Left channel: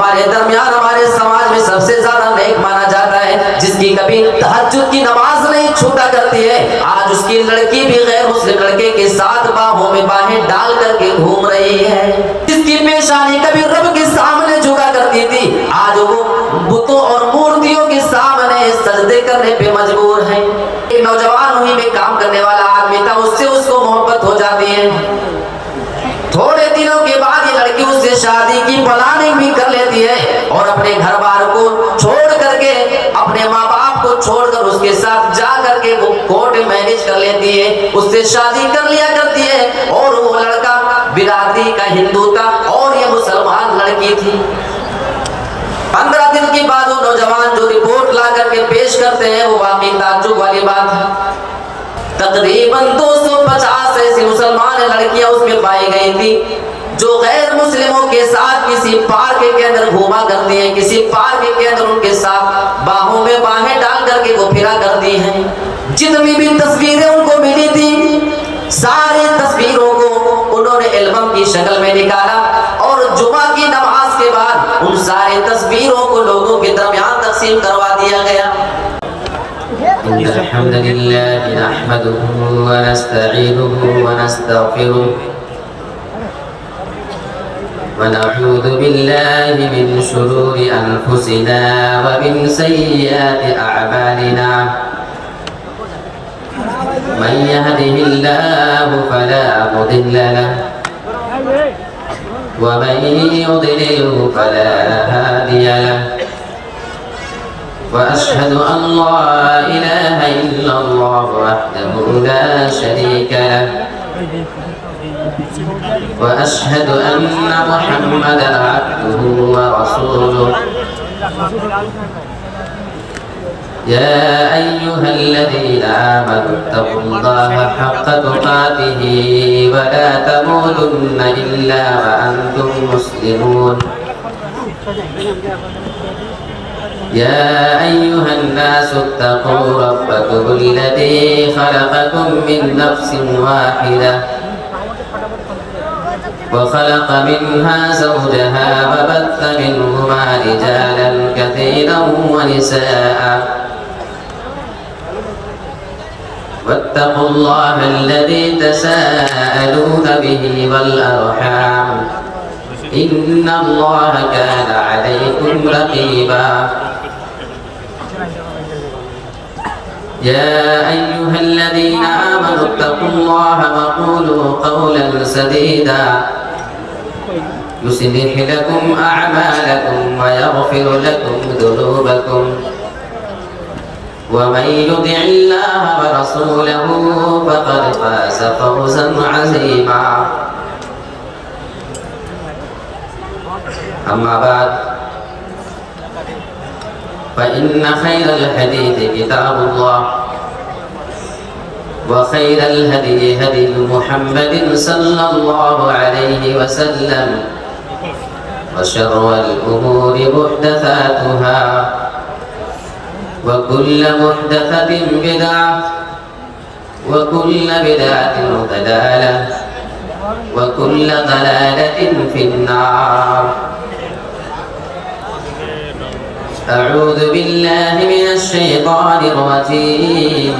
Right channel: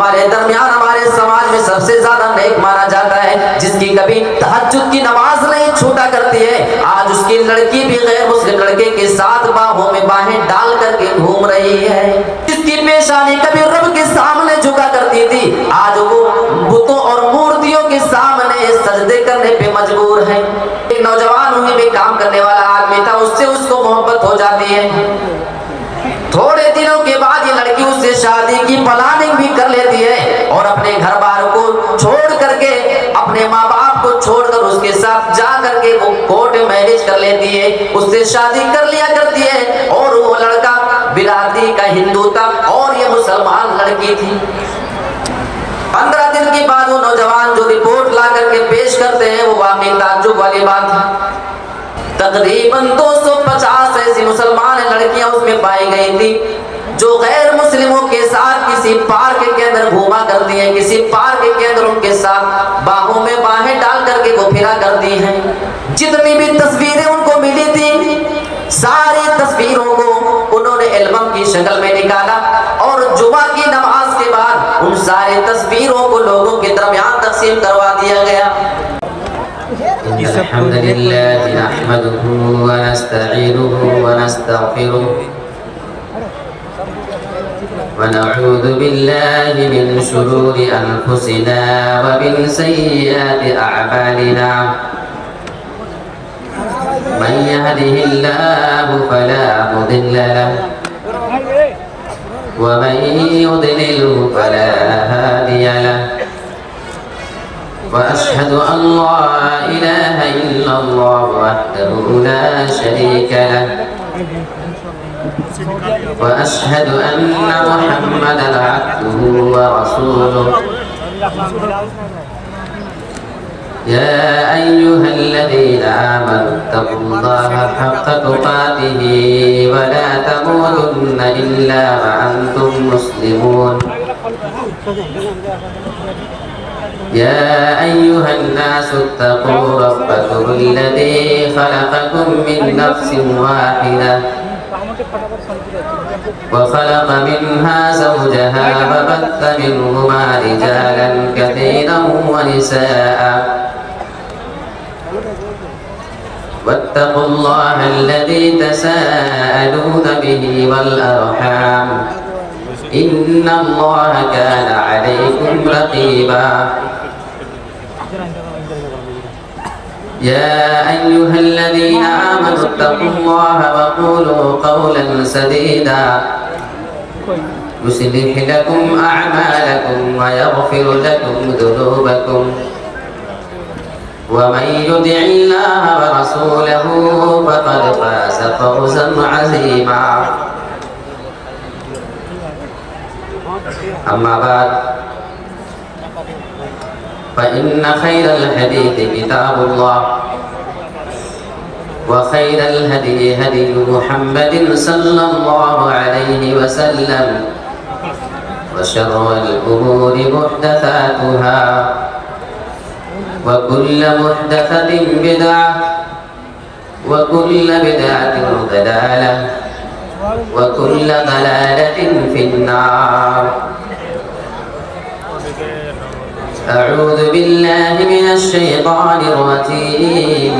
ہمارے درمیان ہمارے سماج میں سب سے زیادہ نیک مانا جاتا ہے جس کی کبھی تہجد کی نماز نہیں چھوٹا کرتی ہے. آج اس کی لڑکی بھی غیر مسلم لڑکے کے ساتھ باہوں میں باہیں ڈال کر کے گھوم رہی ہے. جس کی پیشانی کبھی رب کے سامنے جھکا کرتی تھی آج وہ بتوں اور مورتیوں کے سامنے سجدے کرنے پہ مجبور ہے. ایک نوجوان وہیں پہ کام کرنے والا آدمی تھا, اس سے اس کو محبت ہو جاتی ہے. تھوڑے دنوں کے بعد یہ لڑکی اس سے شادی کی پلاننگ بھی کر لیتی ہے اور اپنے گھر بار کو چھوڑ کر کے اپنے ماں باپ کو چھوڑ کر اس کے ساتھ جا کر کے وہ کورٹ میرج کر لیتی ہے, اس سے شادی کر لیا کرتی ہے. اور وہ لڑکا برادری کا ہندو تھا اور یہ مسلمان لڑکی تھی. 15 دن کے بعد وہ نوجوان جو رپورٹ لا کر کے پیش کرتے ہیں وہ واقعی تعجب والی بات ہے. تقریباً 250 ایسی مسلمان لڑکیاں اس میں پائی گئی تھی جو غیر مسلموں کے ساتھ کسی پارک کے اندر گھوما کرتی ہیں, کسی پارک کے اندر ان کے ساتھ باہوں میں باہیں ڈال کر کے وہ پھرا کرتی ہیں. جتنی بھی تصویریں ان کو ملی تھی ساری تصویروں کو انہوں نے البم کی شکل میں نکالا اور جمعہ کی نماز کے بعد ان ساری تصویروں کو لوگوں کے درمیان تقسیم کروا دیا گیا. إن الحمد لله نحمده ونستعينه ونستغفره ونعوذ بالله من شرور أنفسنا ومن سيئات أعمالنا من يهده الله فلا مضل له ومن يضلله فلا هادي له وأشهد أن لا إله إلا الله وحده لا شريك له وأشهد أن محمدا عبده ورسوله يا أيها الذين آمنوا اتقوا الله حق تقاته ولا تموتن إلا وأنتم مسلمون يا أيها الناس اتقوا ربكم الذي خلقكم من نفس واحدة وخلق منها زوجها وبث منهما رجالا كثيرا ونساء واتقوا الله الذي تساءلون به والأرحام إن الله كان عليكم رقيبا يا أيها الذين آمنوا اتقوا الله وقولوا قولا سديدا يصلح لكم أعمالكم ويغفر لكم ذنوبكم ومن يطع الله ورسوله فقد فاز فوزا عظيما أما بعد فإن خير الحديث كتاب الله وخير الهدي هدي محمد صلى الله عليه وسلم وشر الأمور محدثاتها وكل محدثة بدعة وكل بدعة ضلالة وكل ضلالة في النار. أعوذ بالله من الشيطان الرجيم.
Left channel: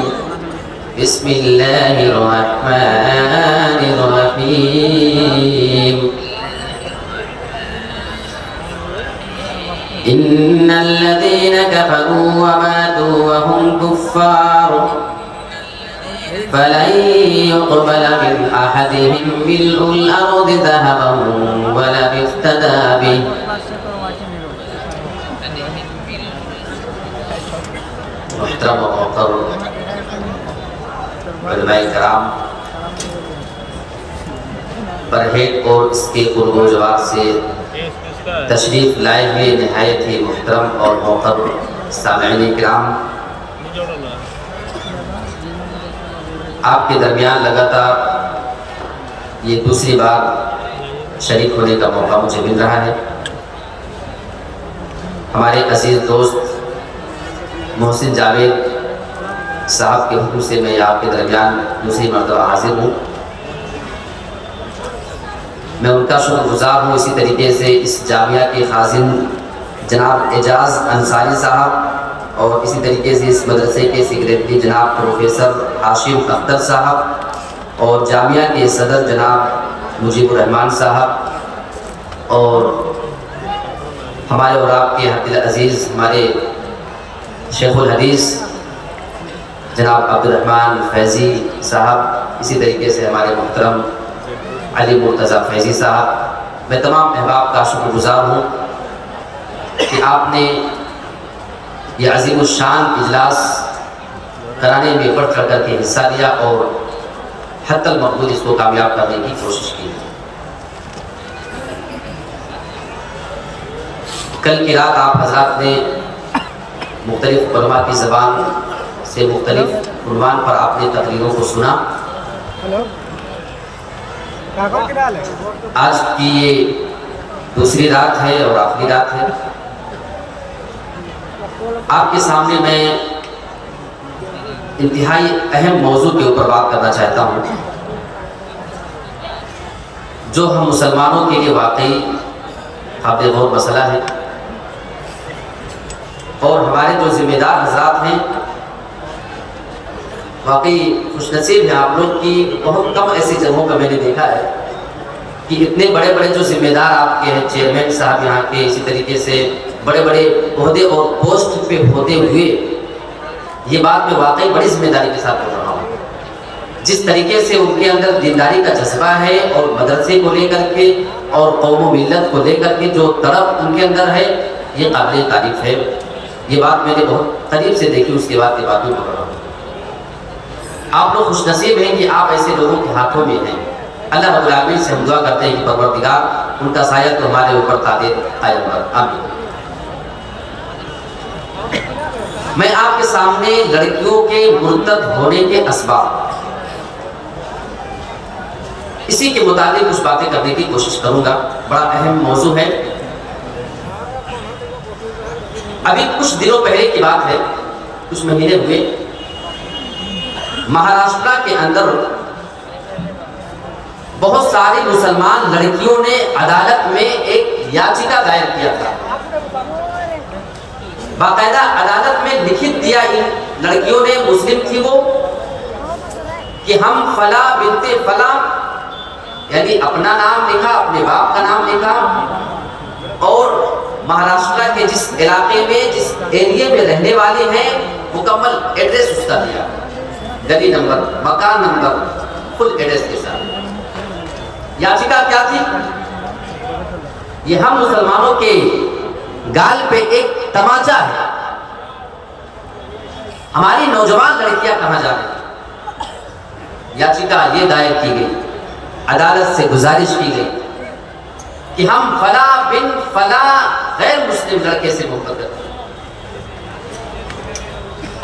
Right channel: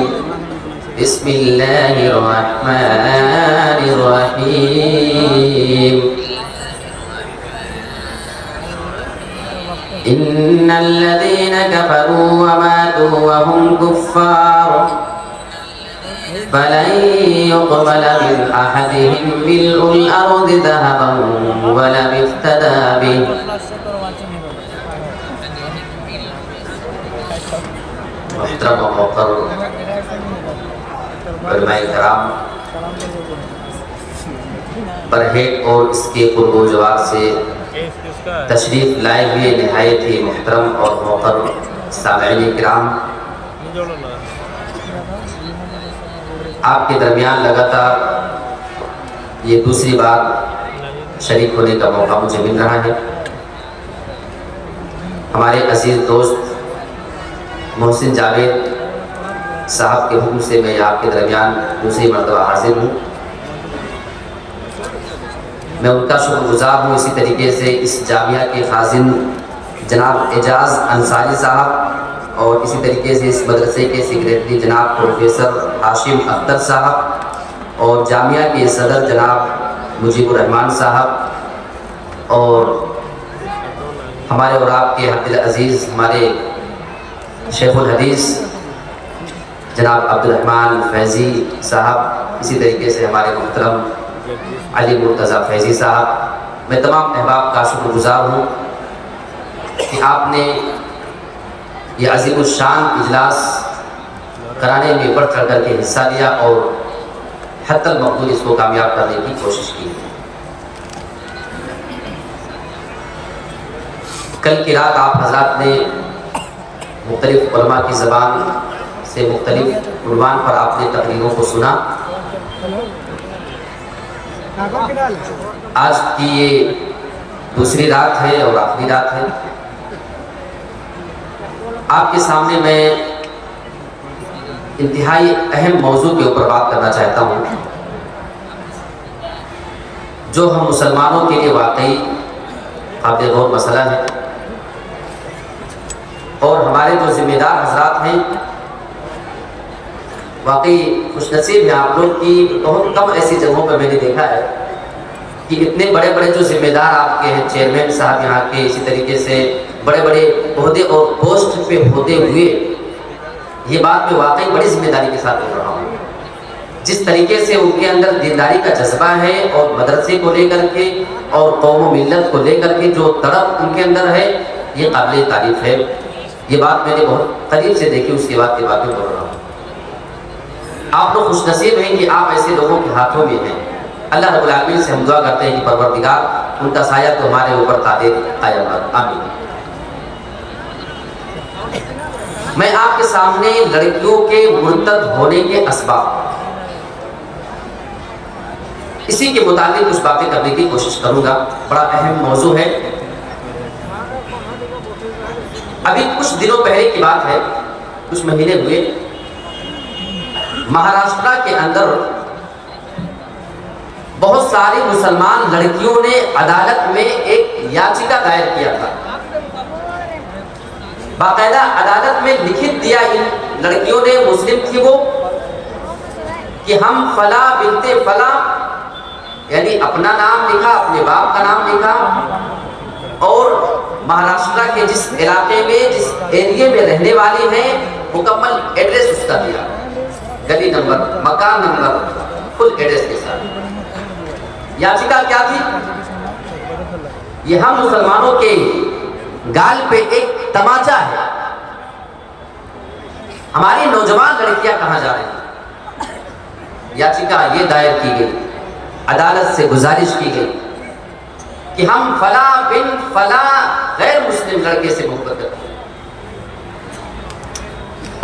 بسم الله الرحمن الرحيم. إن الذين كفروا وماتوا وهم كفار فلن يقبل من أحدهم ملء الأرض ذهبا ولو افتدى به. محترم و محترم علماء کرام، برہیٹ اور اس کے پرگزار سے تشریف لائے ہوئے نہایت ہی محترم اور محترم سامعین کرام، آپ کے درمیان لگاتار یہ دوسری بار شریک ہونے کا موقع مجھے مل رہا ہے. ہمارے عزیز دوست محسن جاوید صاحب کے حکم سے میں آپ کے درمیان دوسری مرتبہ حاضر ہوں. میں ان کا شکر گزار ہوں. اسی طریقے سے اس جامعہ کے خازن جناب اعجاز انصاری صاحب اور اسی طریقے سے اس مدرسے کے سیکریٹری جناب پروفیسر ہاشم اختر صاحب اور جامعہ کے صدر جناب مجیب الرحمان صاحب اور ہمارے اور آپ کے حق العزیز ہمارے شیخ الحدیث جناب عبد الرحمن فیضی صاحب، اسی طریقے سے ہمارے محترم علی مرتضیٰ فیضی صاحب. میں تمام احباب کا شکر گزار ہوں کہ آپ نے یہ عظیم الشان اجلاس کرانے میں بڑھ چڑھ کر کے حصہ لیا اور حتی المقدور اس کو کامیاب کرنے کی کوشش کی. کل کی رات آپ حضرات نے مختلف علماء کی زبان سے مختلف عنوان پر آپ نے تقریروں کو سنا. آج کی یہ دوسری رات ہے اور آخری رات ہے. آپ کے سامنے میں انتہائی اہم موضوع کے اوپر بات کرنا چاہتا ہوں جو ہم مسلمانوں کے لیے واقعی قابل غور مسئلہ ہے اور ہمارے جو ذمہ دار حضرات ہیں واقعی خوش نصیب ہیں آپ لوگ کی. بہت کم ایسی جگہوں پہ میں نے دیکھا ہے کہ اتنے بڑے بڑے جو ذمہ دار آپ کے ہیں، چیئرمین صاحب یہاں کے، اسی طریقے سے بڑے بڑے عہدے اور پوسٹ پہ ہوتے ہوئے یہ بات میں واقعی بڑی ذمہ داری کے ساتھ بول رہا ہوں. جس طریقے سے ان کے اندر دینداری کا جذبہ ہے اور مدرسے کو لے کر کے اور قوم و ملت کو لے کر کے جو تڑپ ان کے اندر ہے یہ قابل تعریف ہے. یہ بات میں نے بہت قریب سے دیکھی، اس کے بعد کی بات میں بول رہا ہوں. آپ لوگ خوش نصیب ہیں کہ آپ ایسے لوگوں کے ہاتھوں میں ہیں. اللہ رب العالمین سے ہم دعا کرتے ہیں کہ پروردگار ان کا سایہ تو ہمارے اوپر قائم رکھے. آمین. میں آپ کے سامنے لڑکیوں کے مرتد ہونے کے اسباب اسی کے متعلق کچھ باتیں کرنے کی کوشش کروں گا. بڑا اہم موضوع ہے. ابھی کچھ دنوں پہلے کی بات ہے، کچھ مہینے ہوئے، مہاراشٹر کے اندر بہت ساری مسلمان لڑکیوں نے عدالت میں ایک یاچکا دائر کیا تھا. باقاعدہ عدالت میں لکھت دیا ان لڑکیوں نے، مسلم تھی وہ، کہ ہم فلاں بنت فلاں، یعنی اپنا نام لکھا، اپنے باپ کا نام لکھا اور مہاراشٹر کے جس علاقے میں جس ایریے میں رہنے والی ہیں مکمل ایڈریس اس کا دیا، گلی نمبر، مکان نمبر، فل ایڈریس کے ساتھ. یاچکا کیا تھی؟ یہ ہم مسلمانوں کے گال پہ ایک تماچا ہے. ہماری نوجوان لڑکیاں کہاں جا رہی ہیں؟ یاچکا یہ دائر کی گئی، عدالت سے گزارش کی گئی کہ ہم فلاں بن فلاں غیر مسلم لڑکے سے محبت کرتے ہیں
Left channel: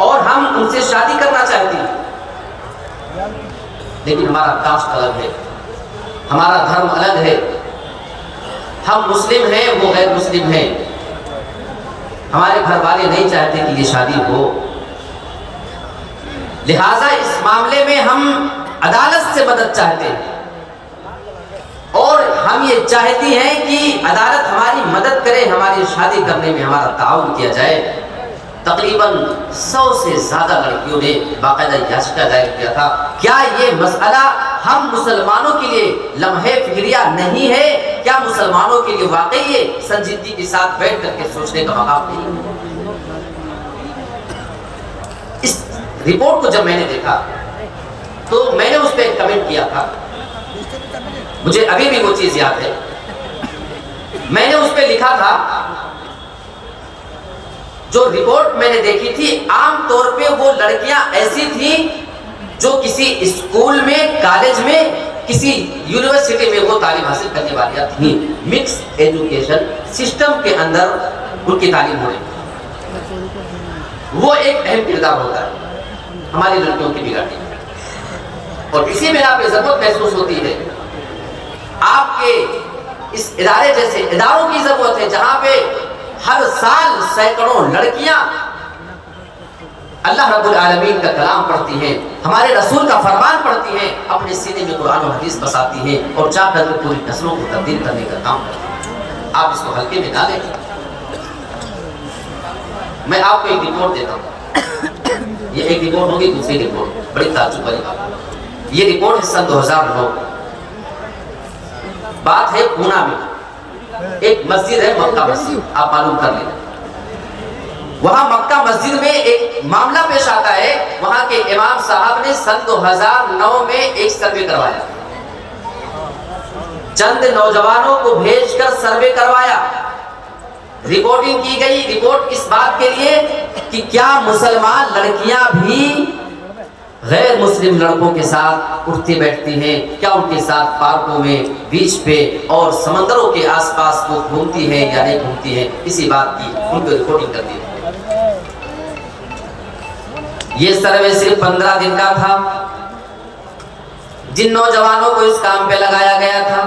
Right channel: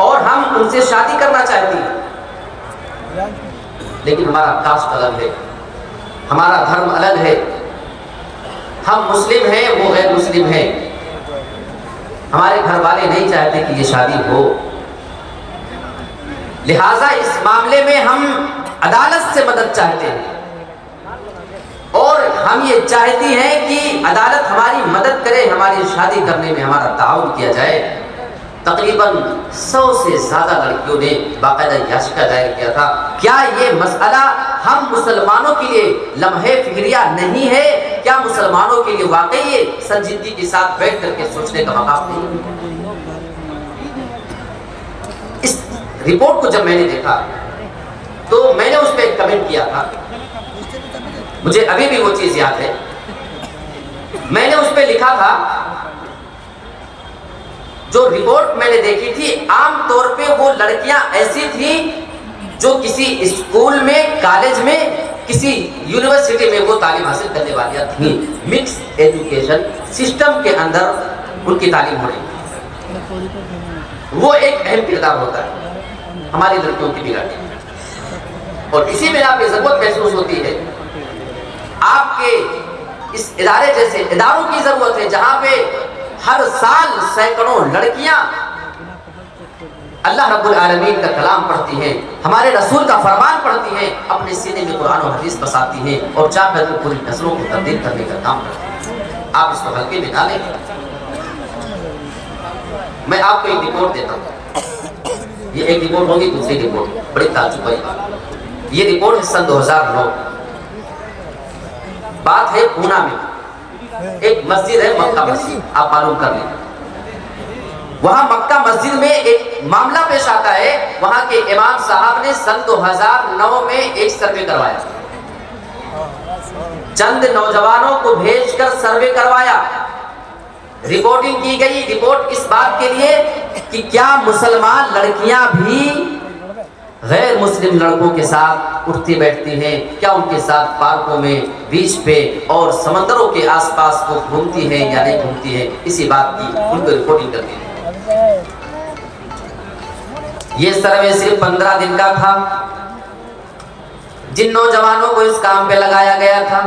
اور ہم ان سے شادی کرنا چاہتے ہیں، لیکن ہمارا کاسٹ الگ ہے، ہمارا دھرم الگ ہے، ہم مسلم ہیں وہ غیر مسلم ہیں، ہمارے گھر والے نہیں چاہتے کہ یہ شادی ہو، لہٰذا اس معاملے میں ہم عدالت سے مدد چاہتے ہیں اور ہم یہ چاہتی ہیں کہ عدالت ہماری مدد کرے، ہماری شادی کرنے میں ہمارا تعاون کیا جائے. تقریباً 100 سے زیادہ لڑکیوں نے باقاعدہ یاچکا دائر کیا تھا. کیا یہ مسئلہ ہم مسلمانوں کے لیے لمحے فکریہ نہیں ہے؟ کیا مسلمانوں کے لیے واقعی یہ سنجیدگی کے ساتھ بیٹھ کر کے سوچنے کا مقام نہیں ہے؟ اس رپورٹ کو جب میں نے دیکھا تو میں نے اس پہ ایک کمنٹ کیا تھا، مجھے ابھی بھی وہ چیز یاد ہے. میں نے اس پہ لکھا تھا، جو رپورٹ میں نے دیکھی تھی عام طور پہ وہ لڑکیاں ایسی تھیں جو کسی اسکول میں، کالج میں، کسی یونیورسٹی میں وہ تعلیم حاصل کرنے والیاں تھیں. مکس ایجوکیشن سسٹم کے اندر ان کی تعلیم ہو رہی، وہ ایک اہم کردار ہوتا ہے ہماری لڑکیوں کی بگاڑنے میں. اور اسی بنا پہ ضرورت محسوس ہوتی ہے آپ کے اس ادارے جیسے اداروں کی ضرورت ہے جہاں پہ ہر سال سینکڑوں لڑکیاں اللہ رب العالمین کا کلام پڑھتی ہیں، ہمارے رسول کا فرمان پڑھتی ہیں، اپنے سینے میں قرآن و حدیث بساتی ہیں اور چاہ کر کے پوری نسلوں کو تبدیل کرنے کا کام کرتی ہیں۔ آپ اس کو ہلکے میں نہ لیں۔ میں آپ کو ایک رپورٹ دیتا ہوں، یہ ایک رپورٹ ہوگی، دوسری رپورٹ بڑی تعجب والی بات ہے۔ یہ رپورٹ ہے سن 2009، بات ہے پونا میں ایک مسجد ہے مکہ مسجد، آپ معلوم کر لیں۔ وہاں مکہ مسجد میں ایک معاملہ پیش آتا ہے، وہاں کے امام صاحب نے سن 2009 میں ایک سروے کروایا، چند نوجوانوں کو بھیج کر سروے کروایا، رپورٹنگ کی گئی۔ رپورٹ اس بات کے لیے کہ کیا مسلمان لڑکیاں بھی غیر مسلم لڑکوں کے ساتھ اٹھتی بیٹھتی ہیں، کیا ان کے ساتھ پارکوں میں، بیچ پہ اور سمندروں کے آس پاس وہ گھومتی ہیں یا نہیں گھومتی ہیں، اسی بات کی ان کو رپورٹنگ کرنی ہے۔ یہ سروے صرف 15 دن کا تھا۔ جن نوجوانوں کو اس کام پہ لگایا گیا تھا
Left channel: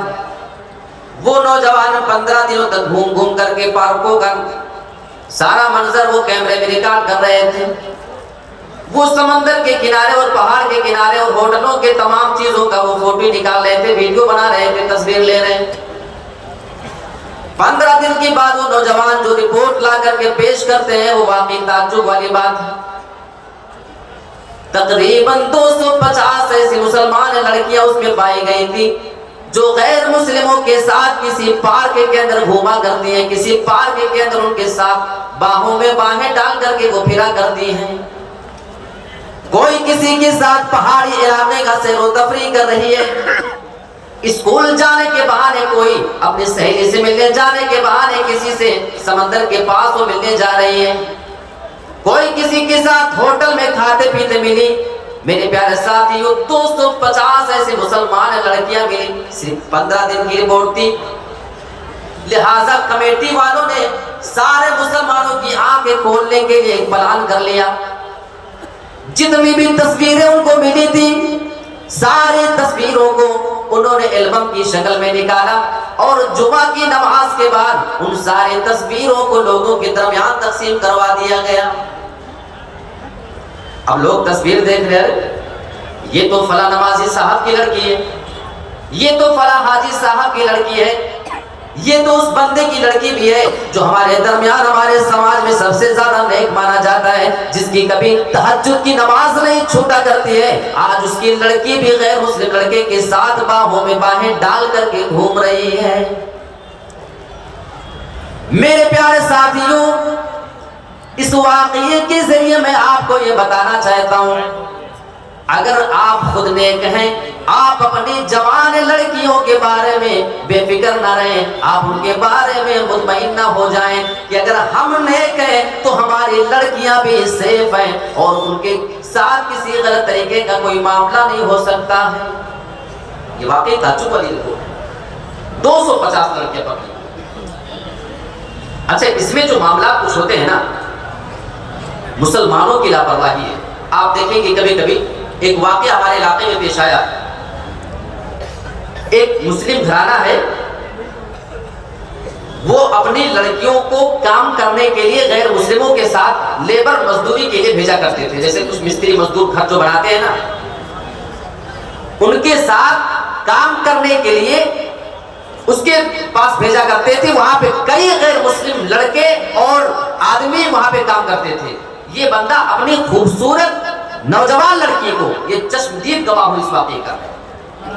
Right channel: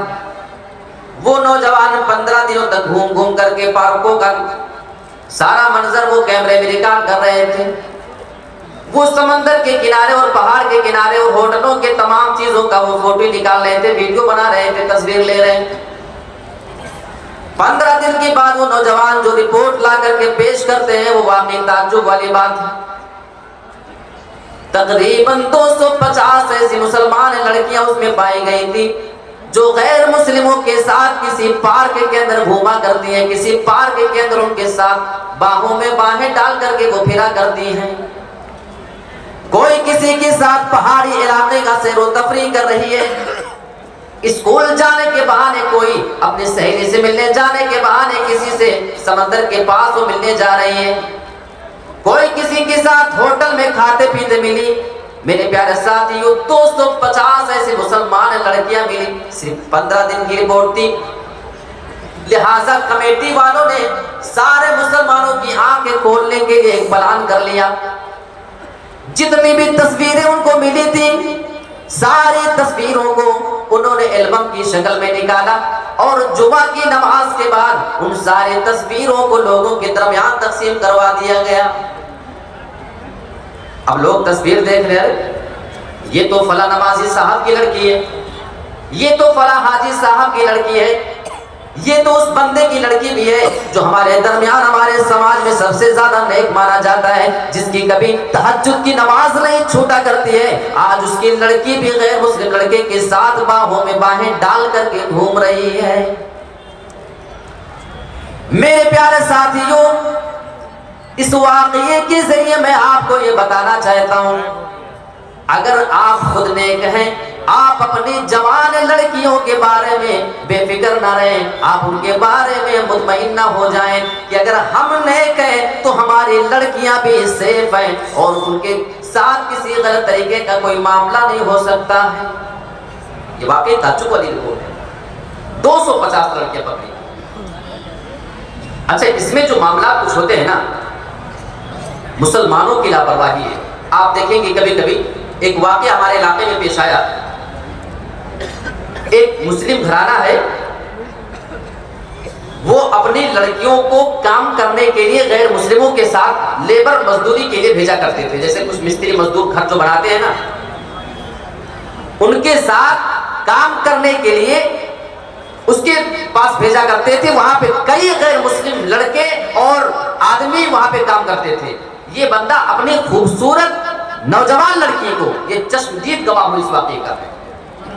وہ نوجوان 15 دنوں تک گھوم گھوم کر کے پارکوں کا سارا منظر وہ کیمرے میں ریکارڈ کر رہے تھے، وہ سمندر کے کنارے اور پہاڑ کے کنارے اور ہوٹلوں کے تمام چیزوں کا وہ فوٹو نکال رہے تھے، ویڈیو بنا رہے تھے، تصویر لے رہے ہیں۔ 15 دن کے بعد وہ نوجوان جو رپورٹ لا کر کے پیش کرتے ہیں وہ واقعی تعجب والی بات ہے۔ تقریباً 250 ایسی مسلمان لڑکیاں اس میں پائی گئی تھی جو غیر مسلموں کے ساتھ کسی پارک کے اندر گھوما کرتی ہیں، کسی پارک کے اندر ان کے ساتھ باہوں میں باہیں ڈال کر کے وہ پھرا کرتی ہیں، کوئی کسی کے ساتھ پہاڑی علاقے کا سیر و تفریح کر رہی ہے، اسکول جانے کے بہانے کوئی اپنی سہیلی سے ملنے جانے کے بہانے کسی سے سمندر کے پاس وہ ملنے جا رہی ہے، کوئی کسی کے ساتھ ہوٹل میں کھاتے پیتے ملی۔ میرے پیارے ساتھیوں 250 ایسے مسلمان لڑکیاں ملی، صرف 15 دن کی رپورٹ تھی۔ لہٰذا کمیٹی والوں نے سارے مسلمانوں کی آنکھیں کھولنے کے لیے ایک پلان کر لیا، جتنی بھی تصویریں ان کو ملی تھی ساری تصویروں کو انہوں نے البم کی شکل میں نکالا اور جمعہ کی نماز کے بعد ان ساری تصویروں کو لوگوں کے درمیان تقسیم کروا دیا گیا۔ اب لوگ تصویر دیکھ رہے ہیں، یہ تو فلاں نمازی صاحب کی لڑکی ہے، یہ تو فلاں حاجی صاحب کی لڑکی ہے، یہ تو اس بندے کی لڑکی بھی ہے جو ہمارے درمیان ہمارے سماج میں سب سے زیادہ نیک مانا جاتا ہے، جس کی کبھی تہجد کی نماز نہیں چھوٹا کرتی ہے، آج اس کی لڑکی بھی غیر مسلم لڑکے کے ساتھ باہوں میں باہیں ڈال کر کے گھوم رہی ہے۔ میرے پیارے ساتھیوں، اس واقعے کے ذریعے میں آپ کو یہ بتانا چاہتا ہوں، اگر آپ خود نیک ہیں، آپ اپنی جوان لڑکیوں کے بارے میں بے فکر نہ رہیں، آپ ان کے بارے میں مطمئن نہ ہو جائیں کہ اگر ہم نیک ہیں تو ہماری لڑکیاں بھی سیف ہیں اور ان کے ساتھ کسی غلط طریقے کا کوئی معاملہ نہیں ہو سکتا ہے۔ یہ واقعی تعجب والی رپورٹ ہے، 250 لڑکے پکڑی۔ اچھا، اس میں جو معاملات کچھ ہوتے ہیں نا، مسلمانوں کی لاپرواہی ہے۔ آپ دیکھیں گے کبھی کبھی ایک واقعہ ہمارے علاقے میں پیش آیا، ایک مسلم گھرانہ ہے، وہ اپنی لڑکیوں کو کام کرنے کے لیے غیر مسلموں کے ساتھ لیبر مزدوری کے لیے بھیجا کرتے تھے، جیسے کچھ مستری مزدور گھر جو بناتے ہیں نا، ان کے ساتھ کام کرنے کے لیے اس کے پاس بھیجا کرتے تھے۔ وہاں پہ کئی غیر مسلم لڑکے اور آدمی وہاں پہ کام کرتے تھے۔ یہ بندہ اپنی خوبصورت نوجوان لڑکی کو، یہ چشمدید گواہ ہوئی اس واقعے کا،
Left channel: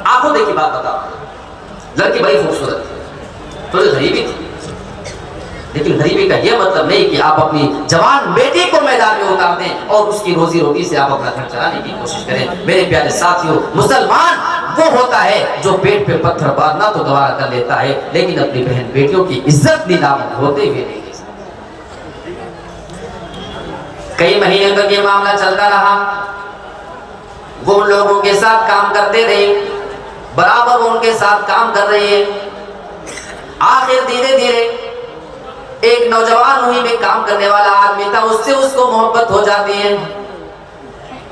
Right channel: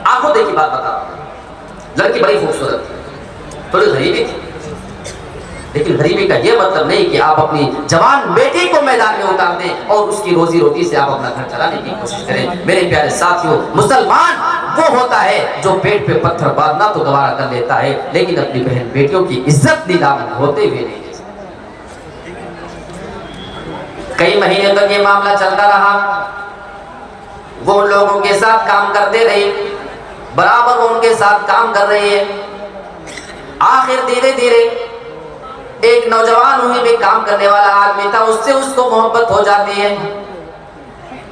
آنکھوں دیکھی بات بتا رہا ہوں، لڑکی بڑی خوبصورت تھی، تھوڑی غریبی تھی، لیکن غریبی کا یہ مطلب نہیں کہ آپ اپنی جوان بیٹی کو میدان میں اتار دیں اور اس کی روزی روٹی سے آپ اپنا گھر چلانے کی کوشش کریں۔ میرے پیارے ساتھیوں، مسلمان وہ ہوتا ہے جو پیٹ پہ پتھر باندھنا تو گوارا کر لیتا ہے لیکن اپنی بہن بیٹیوں کی عزت نیلام ہوتے ہوئے نہیں۔ کئی مہینے تک یہ معاملہ چلتا رہا، وہ ان لوگوں کے ساتھ کام کرتے رہے، برابر وہ ان کے ساتھ کام کر رہی ہے۔ آخر دھیرے دھیرے ایک نوجوان وہیں میں کام کرنے والا آدمی تھا، اس سے اس کو محبت ہو جاتی ہے۔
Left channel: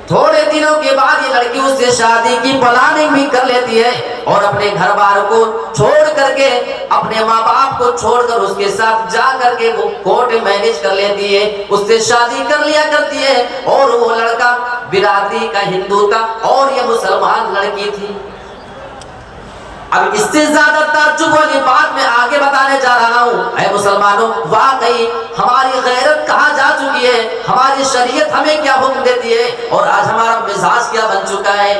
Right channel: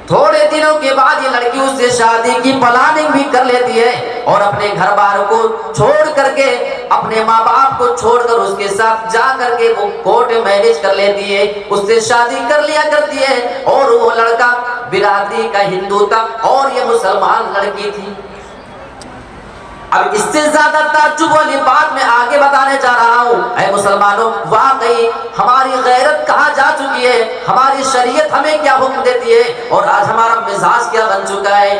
تھوڑے دنوں کے بعد یہ لڑکی اس سے شادی کی پلاننگ بھی کر لیتی ہے اور اپنے گھر بار کو چھوڑ کر کے اپنے ماں باپ کو چھوڑ کر اس کے ساتھ جا کر کے وہ کورٹ میرج کر لیتی ہے، اس سے شادی کر لیا کرتی ہے، اور وہ لڑکا برادری کا ہندو تھا اور یہ مسلمان لڑکی تھی۔ اب اس سے زیادہ تعجب والی بات میں آگے بتانے جا رہا ہوں، اے مسلمانوں، واقعی ہماری غیرت کہاں جا چکی ہے، ہماری شریعت ہمیں کیا حکم دیتی ہے اور آج ہمارا مزاج کیا بن چکا ہے۔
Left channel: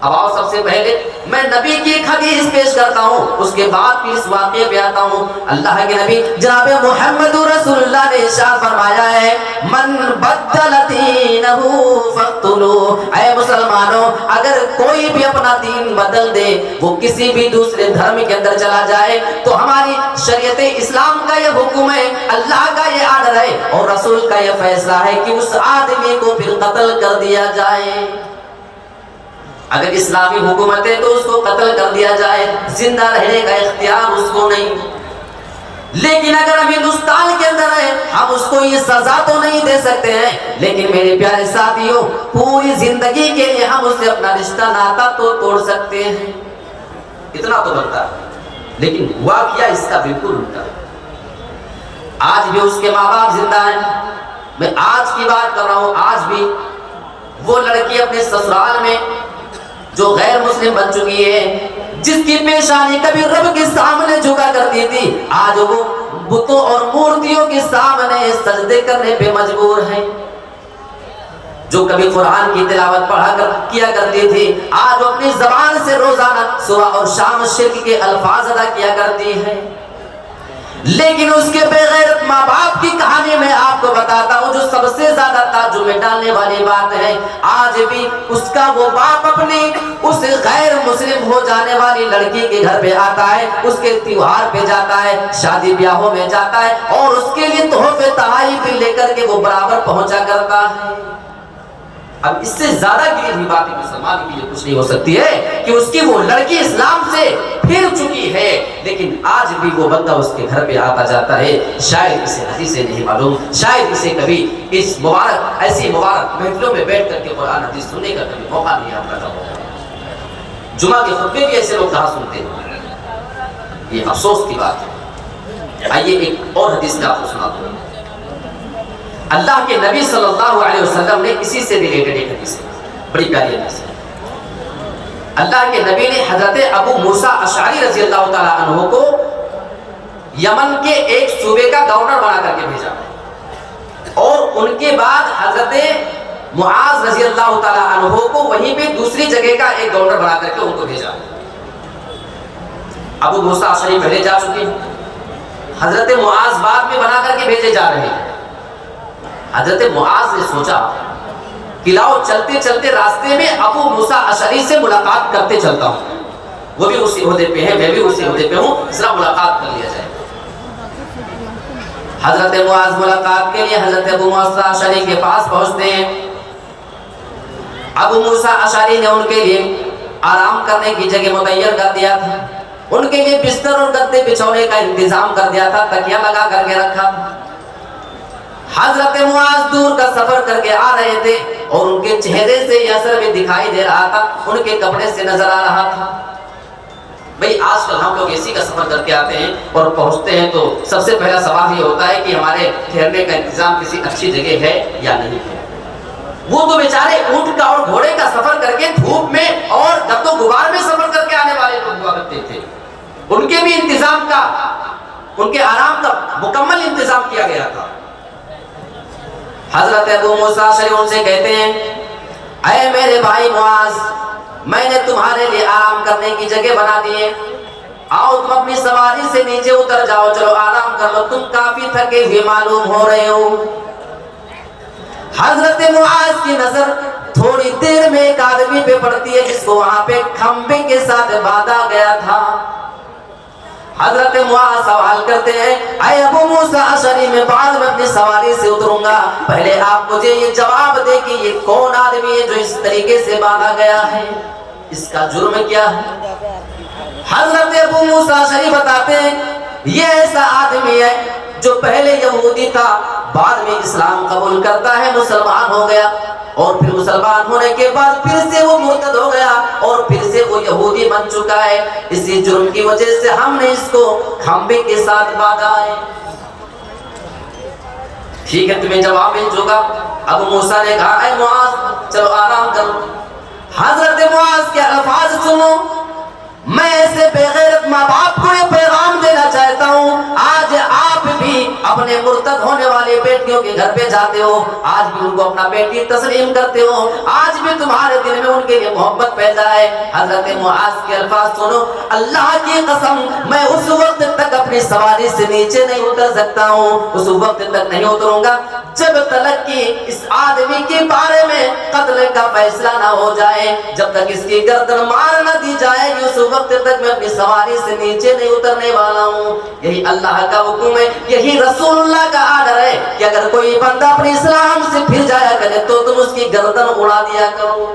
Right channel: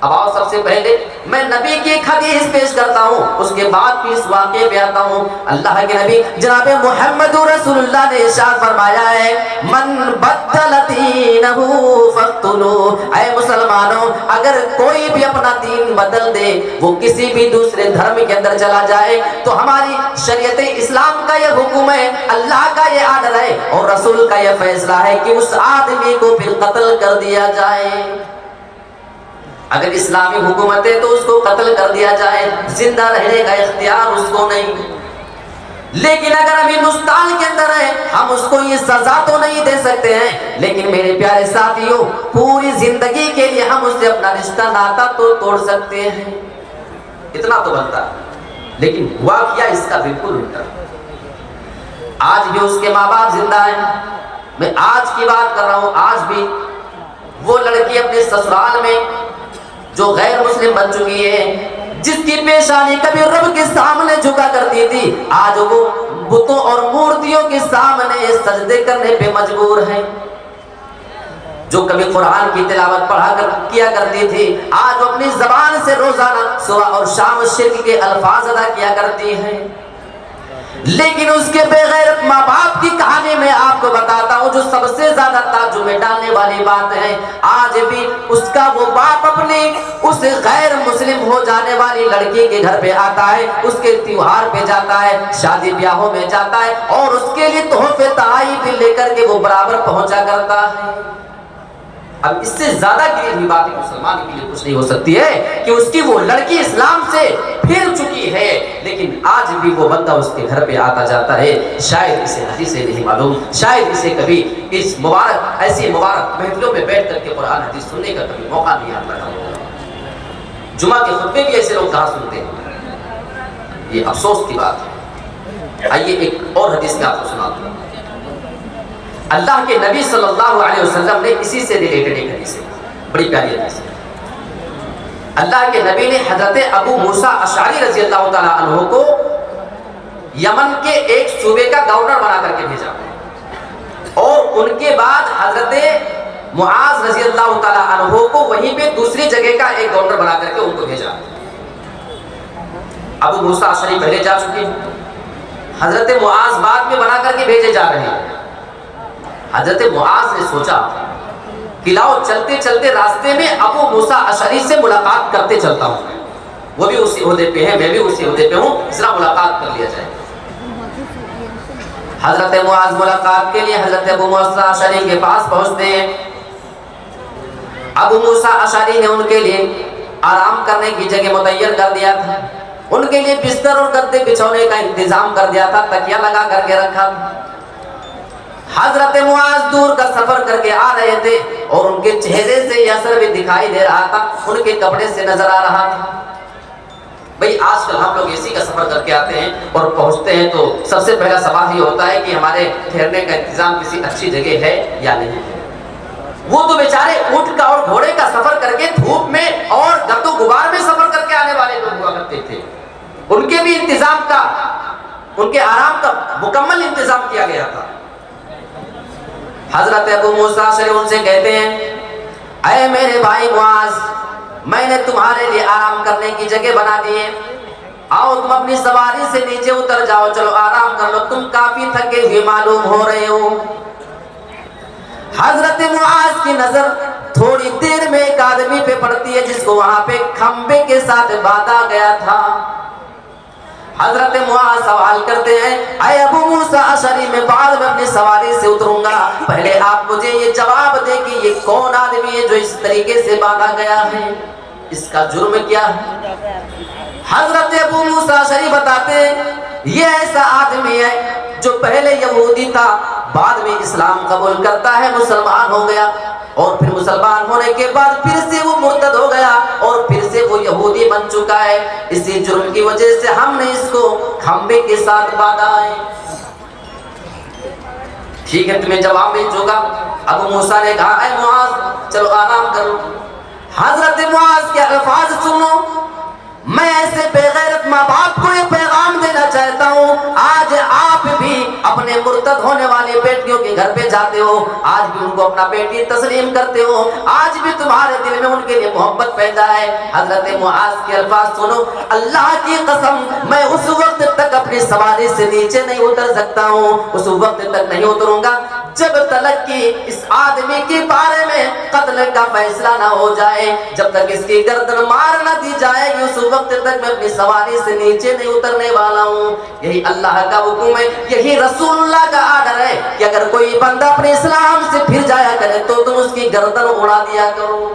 اب آؤ سب سے پہلے میں نبی کی ایک حدیث پیش کرتا ہوں، اس کے بعد پھر اس واقعے پہ آتا ہوں۔ اللہ کے نبی جناب محمد رسول اللہ نے ارشاد فرمایا ہے، من بدل دینہ فاقتلوہ، اے مسلمانوں، اگر کوئی بھی اپنا دین بدل دے، وہ کسی بھی دوسرے دھرم کے اندر چلا جائے، تو ہماری شریعت اسلام کا یہ حکم ہے، اللہ کا یہ آرڈر ہے اور رسول کا یہ فیصلہ ہے کہ اس آدمی کو پھر قتل کر دیا جائے۔ اگر اسلامی حکومت ہے تو اس کو قتل کر دیا جائے، زندہ رہنے کا اختیار اس کو نہیں۔ لیکن اگر ہم ہندوستان کے اندر ہے، ہم اس کو یہ سزا تو نہیں دے سکتے ہیں، لیکن میرے پیارے ساتھیوں، پوری زندگی کے لیے ہم اس سے اپنا رشتہ ناتا تو توڑ سکتے ہیں، اتنا تو بنتا ہے۔ لیکن ہوا کیا اس کا بالکل الٹا، آج بھی اس کے ماں باپ زندہ ہیں۔ میں آج کی بات کر رہا ہوں، آج بھی وہ لڑکی اپنے سسرال میں جو غیر مسلم بن چکی ہے، جس کی پیشانی کبھی رب کے سامنے جھکا کرتی تھی، آج وہ بتوں اور مورتیوں کے سامنے سجدے کرنے پہ مجبور ہے۔ جو کبھی قرآن کی تلاوت کیا کرتی تھی، آج وہ اپنی زبان سے روزانہ صبح اور شام شرک کے الفاظ ادا کیا کرتی ہے۔ لیکن اس کے بے غیرت ماں باپ کی کہانی میں آپ کو بتاتا ہوں، جو سب سے زیادہ تعجب میں ڈالنے والی بات ہے، آج بھی اس کا وہ باپ اپنی اس غیر مسلم ہو جانے والی لڑکی کے گھر پہ آتا ہے، اس کے تیوہار پہ جاتا ہے، شادی بیاہوں میں جاتا ہے اور اس کے لیے تحفے تحائف لے کر کے وہ برابر پہنچا کرتا ہے۔ اب اس سے زیادہ گری ہوئی بات مسلمان کے لیے کچھ نہیں ہو سکتی ہے کہ اس کی وہ لڑکی اسلام سے پھر چکی ہے، لیکن آج بھی وہ بندہ اس کے گھر پہ آتا جاتا ہے۔ شاید اسے حدیث سے نہیں معلوم، شاید اسے کبھی اس مبارک ایسی مبارک محفلوں میں بیٹھ کر کے قرآن حدیث سننے کا کبھی موقع نہیں یاد رکھا ہوگا۔ جمعہ کے خطبے بھی ایسے لوگ کہاں سنتے ہیں، یہ افسوس کی بات ہے۔ آئیے ایک اور حدیث میں آپ کو سنا دوں۔ اللہ کے نبی صلی اللہ علیہ وسلم نے اسی سے ریلیٹڈ ایک حدیث ہے، بڑی پیاری حدیث ہے۔ اللہ کے نبی نے حضرت ابو موسیٰ اشعری رضی اللہ تعالیٰ عنہ کو یمن کے ایک صوبے کا گورنر بنا کر کے بھیجا، اور ان کے بعد حضرت معاذ رضی اللہ تعالیٰ عنہ کو وہیں پہ دوسری جگہ کا ایک گورنر بنا کر کے ان کو بھیجا۔ ابو موسیٰ اشعری پہلے جا چکے ہیں، حضرت معاذ بعد میں بنا کر کے بھیجے جا رہے ہیں۔ حضرت معاذ نے سوچا کہ لاؤ چلتے چلتے راستے میں ابو موسیٰ اشعری سے ملاقات کرتے چلتا ہوں، وہ بھی اسی عہدے پہ ہیں، میں بھی اسی عہدے پہ ہوں، ذرا ملاقات کر لیا جائے۔ حضرت معاذ ملاقات کے لیے حضرت ابو موسیٰ اشعری کے پاس پہنچتے ہیں۔ ابو موسیٰ اشعری نے ان کے لیے آرام کرنے کی جگہ متعین کر دیا تھا، ان کے لیے بستر اور گدے بچھونے کا انتظام کر دیا تھا، تکیہ لگا کر کے رکھا تھا۔ حضرت معاذ دور کا سفر کر کے آ رہے تھے اور ان کے چہرے سے یہ اثر بھی دکھائی دے رہا تھا، ان کے کپڑے سے نظر آ رہا تھا۔ بھئی آج کل ہم لوگ اسی کا سفر کر کے آتے ہیں اور پہنچتے ہیں تو سب سے پہلا سوال یہ ہوتا ہے کہ ہمارے ٹھہرنے کا انتظام کسی اچھی جگہ ہے یا نہیں ہے۔ وہ تو بیچارے اونٹ کا اور گھوڑے کا سفر کر کے دھوپ میں اور گرد و غبار میں سفر کر کے آنے والے لوگ ہوا کرتے تھے، ان کے بھی انتظام کا، ان کے آرام کا مکمل انتظام کیا گیا تھا۔ حضرت ابو موسیٰ اشعری ان سے کہتے ہیں، اے میرے بھائی معاذ، میں نے تمہارے لیے آرام کرنے کی جگہ بنا دی ہے، آؤ تم اپنی سواری سے نیچے اتر جاؤ، چلو آرام کر لو، تم کافی تھکے ہوئے معلوم ہو رہے ہو۔ حضرت معاذ کی نظر تھوڑی دیر میں ایک آدمی پہ پڑتی ہے جس کو وہاں پہ کھمبے کے ساتھ باندھا گیا تھا۔ حضرت معاذ سوال کرتے ہیں، اے ابو موسیٰ اشعری، میں بعد میں اپنی سواری سے اتروں گا، پہلے آپ مجھے یہ جواب دے کہ یہ کون آدمی ہے جو اس طریقے سے باندھا گیا ہے، اس کا جرم کیا ہے؟ حضرت ابو موسیٰ اشعری بتاتے ہیں، یہ ایسا آدمی ہے جو پہلے یہودی تھا، بعد میں اسلام قبول کرتا ہے، مسلمان ہو گیا، اور پھر مسلمان ہونے کے بعد پھر سے وہ مرتد ہو گیا اور پھر سے وہ یہودی بن چکا ہے. اسی جرم کی وجہ سے ہم نے اس کو کھمبے کے ساتھ باندھا ہے. ٹھیک ہے, تمہیں جواب مل چکا. ابو موسیٰ نے کہا اے معاذ چلو آرام کر لو. حضرت معاذ کے الفاظ سنو. میں ایسے بے غیرت ماں باپ کو یہ پیغام دینا چاہتا ہوں, آج آپ بھی اپنے مرتد ہونے والی بیٹیوں کے گھر پہ جاتے ہو, آج بھی ان کو اپنا بیٹی تسلیم کرتے ہو, آج بھی تمہارے دل میں ان کے لیے محبت پیدا ہے. حضرت معاذ کے الفاظ سنو. اللہ کی قسم میں اس وقت تک اپنی سواری سے نیچے نہیں اتر سکتا ہوں, اس وقت تک نہیں اتروں گا جب تک کہ اس آدمی کے بارے میں قتل کا فیصلہ نہ ہو جائے, جب تک اس کی گردن مار نہ دی جائے گی اس وقت تک میں اپنی سواری سے نیچے نہیں اترنے والا ہوں. یہی اللہ کا حکم ہے, یہی رسول اللہ کا آرڈر ہے کہ اگر کوئی بندہ اپنے اسلام سے پھر جایا کرے تو تم اس کی گردن اڑا دیا کرو.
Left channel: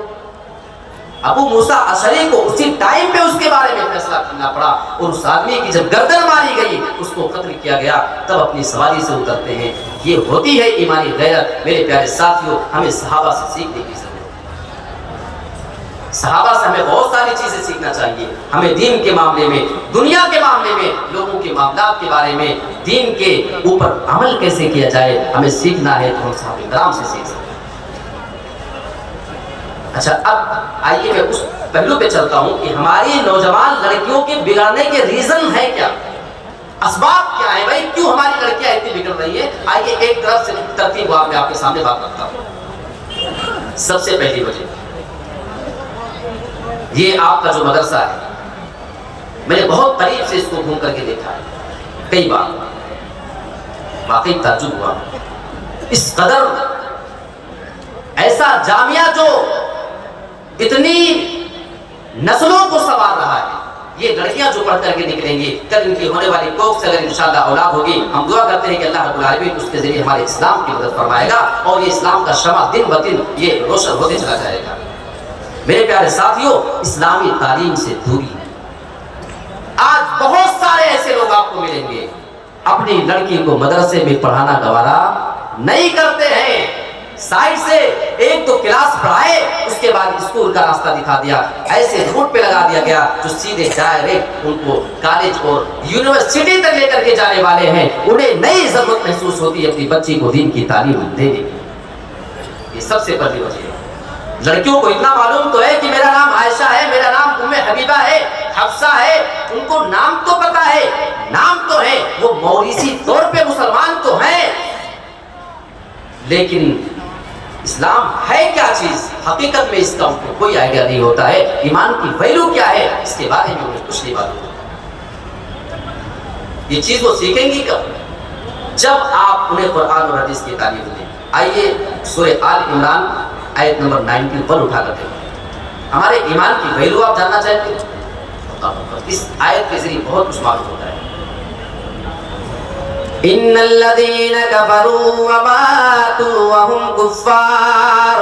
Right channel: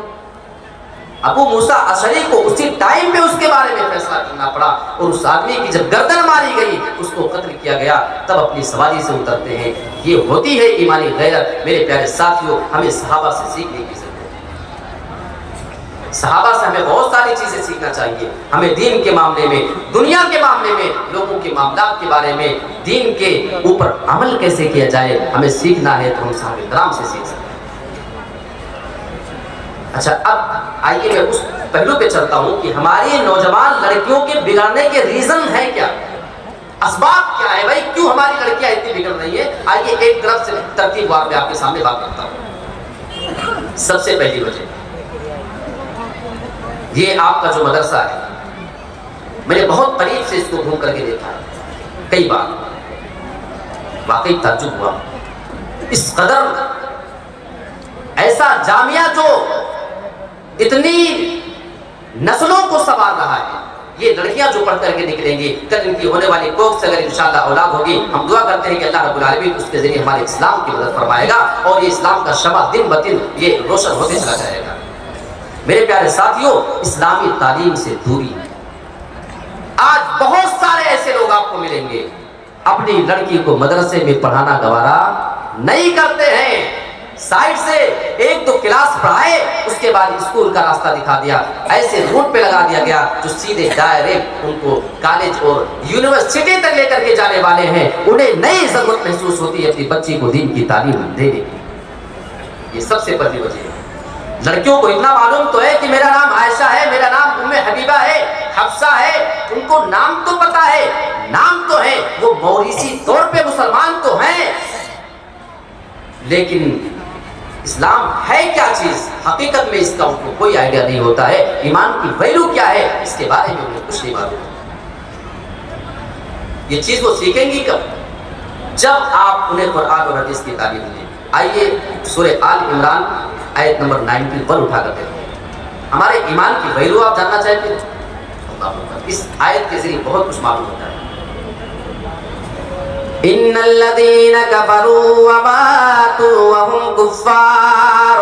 ابو موسیٰ اشعری کو اسی ٹائم پہ اس کے بارے میں فیصلہ کرنا پڑا, اور اس آدمی کی جب گردن ماری گئی اس کو قتل کیا گیا, تب اپنی سواری سے اترتے ہیں. یہ ہوتی ہے ایمانی غیرت. میرے پیارے ساتھیوں, ہمیں صحابہ سے سیکھنے کی ضرورت ہے. صحابہ سے ہمیں بہت ساری چیزیں سیکھنا چاہیے. ہمیں دین کے معاملے میں, دنیا کے معاملے میں, لوگوں کے معاملات کے بارے میں, دین کے اوپر عمل کیسے کیا جائے ہمیں سیکھنا ہے, تو ہم صحابہ کرام سے سیکھ سکتے ہیں. اچھا, اب آئیے میں اس پہلو پہ چلتا ہوں کہ ہماری نوجوان لڑکیوں کے بگڑنے کے ریزن ہے کیا, اسباب کیا ہے بھائی, کیوں ہماری لڑکیاں اتنی بگڑ رہی ہیں. آئیے ایک طرف سے ترتیب میں آپ کے سامنے بات کرتا ہوں. سب سے پہلی وجہ یہ آپ کا جو مدرسہ ہے, میں نے بہت قریب سے اس کو گھوم کر کے دیکھا ہے کئی بار, واقعی تعجب ہوا. اس قدر ایسا جامعہ جو اتنی نسلوں کو سنوار رہا ہے, یہ لڑکیاں جو پڑھ کر کے نکلیں گی, کل ان کی ہونے والی کوکھ سے اگر انشاءاللہ اولاد ہوگی, ہم دعا کرتے ہیں کہ اللہ رب العالمین اس کے ذریعے ہمارے اسلام کی مدد فرمائے گا, اور یہ اسلام کا شمع دن بدن یہ روشن ہوتے چلا جائے گا. میرے پیارے ساتھیوں, اسلامی تعلیم سے دوری. آج بہت سارے ایسے لوگ آپ کو ملیں گے اپنی لڑکی کو مدرسے میں پڑھانا گوارا نہیں کرتے ہیں. سائڈ سے ایک دو کلاس پڑھائے, اس کے بعد اسکول کا راستہ دکھا دیا, ایسے روٹ پہ لگا دیا گیا جو سیدھے ڈائریکٹ ان کو کالج اور یونیورسٹی تک لے کر کے جانے والے ہیں. انہیں نئی ضرورت محسوس ہوتی ہے اپنی بچی کو دین کی تعلیم دینے کی. یہ سب سے پہلی وجہ ہے. لڑکیوں کو اتنا معلوم تو ہے کہ میرا نام عائشہ ہے, میرا نام ام حبیبہ ہے, حفصہ ہے, ان کو نام تو پتا ہے, نام تو ہے, وہ موریثی طور پہ مسلمان تو ہیں, لیکن اسلام ہے کیا چیز, حقیقت میں اس کا ان کو کوئی آئیڈیا نہیں ہوتا ہے. ایمان کی ویلیو کیا ہے اس کے بارے میں انہیں کچھ نہیں معلوم. یہ چیز وہ سیکھیں گی کب, جب آپ انہیں قرآن اور حدیث کی تعلیم دیں. آئیے سورہ آل عمران آیت نمبر 91 اٹھا کر دیں. ہمارے ایمان کی ویلیو آپ جاننا چاہتے ہیں, اس آیت کے ذریعے بہت کچھ معلوم ہوتا ہے. ان الذين كفروا وماتوا وهم كفار,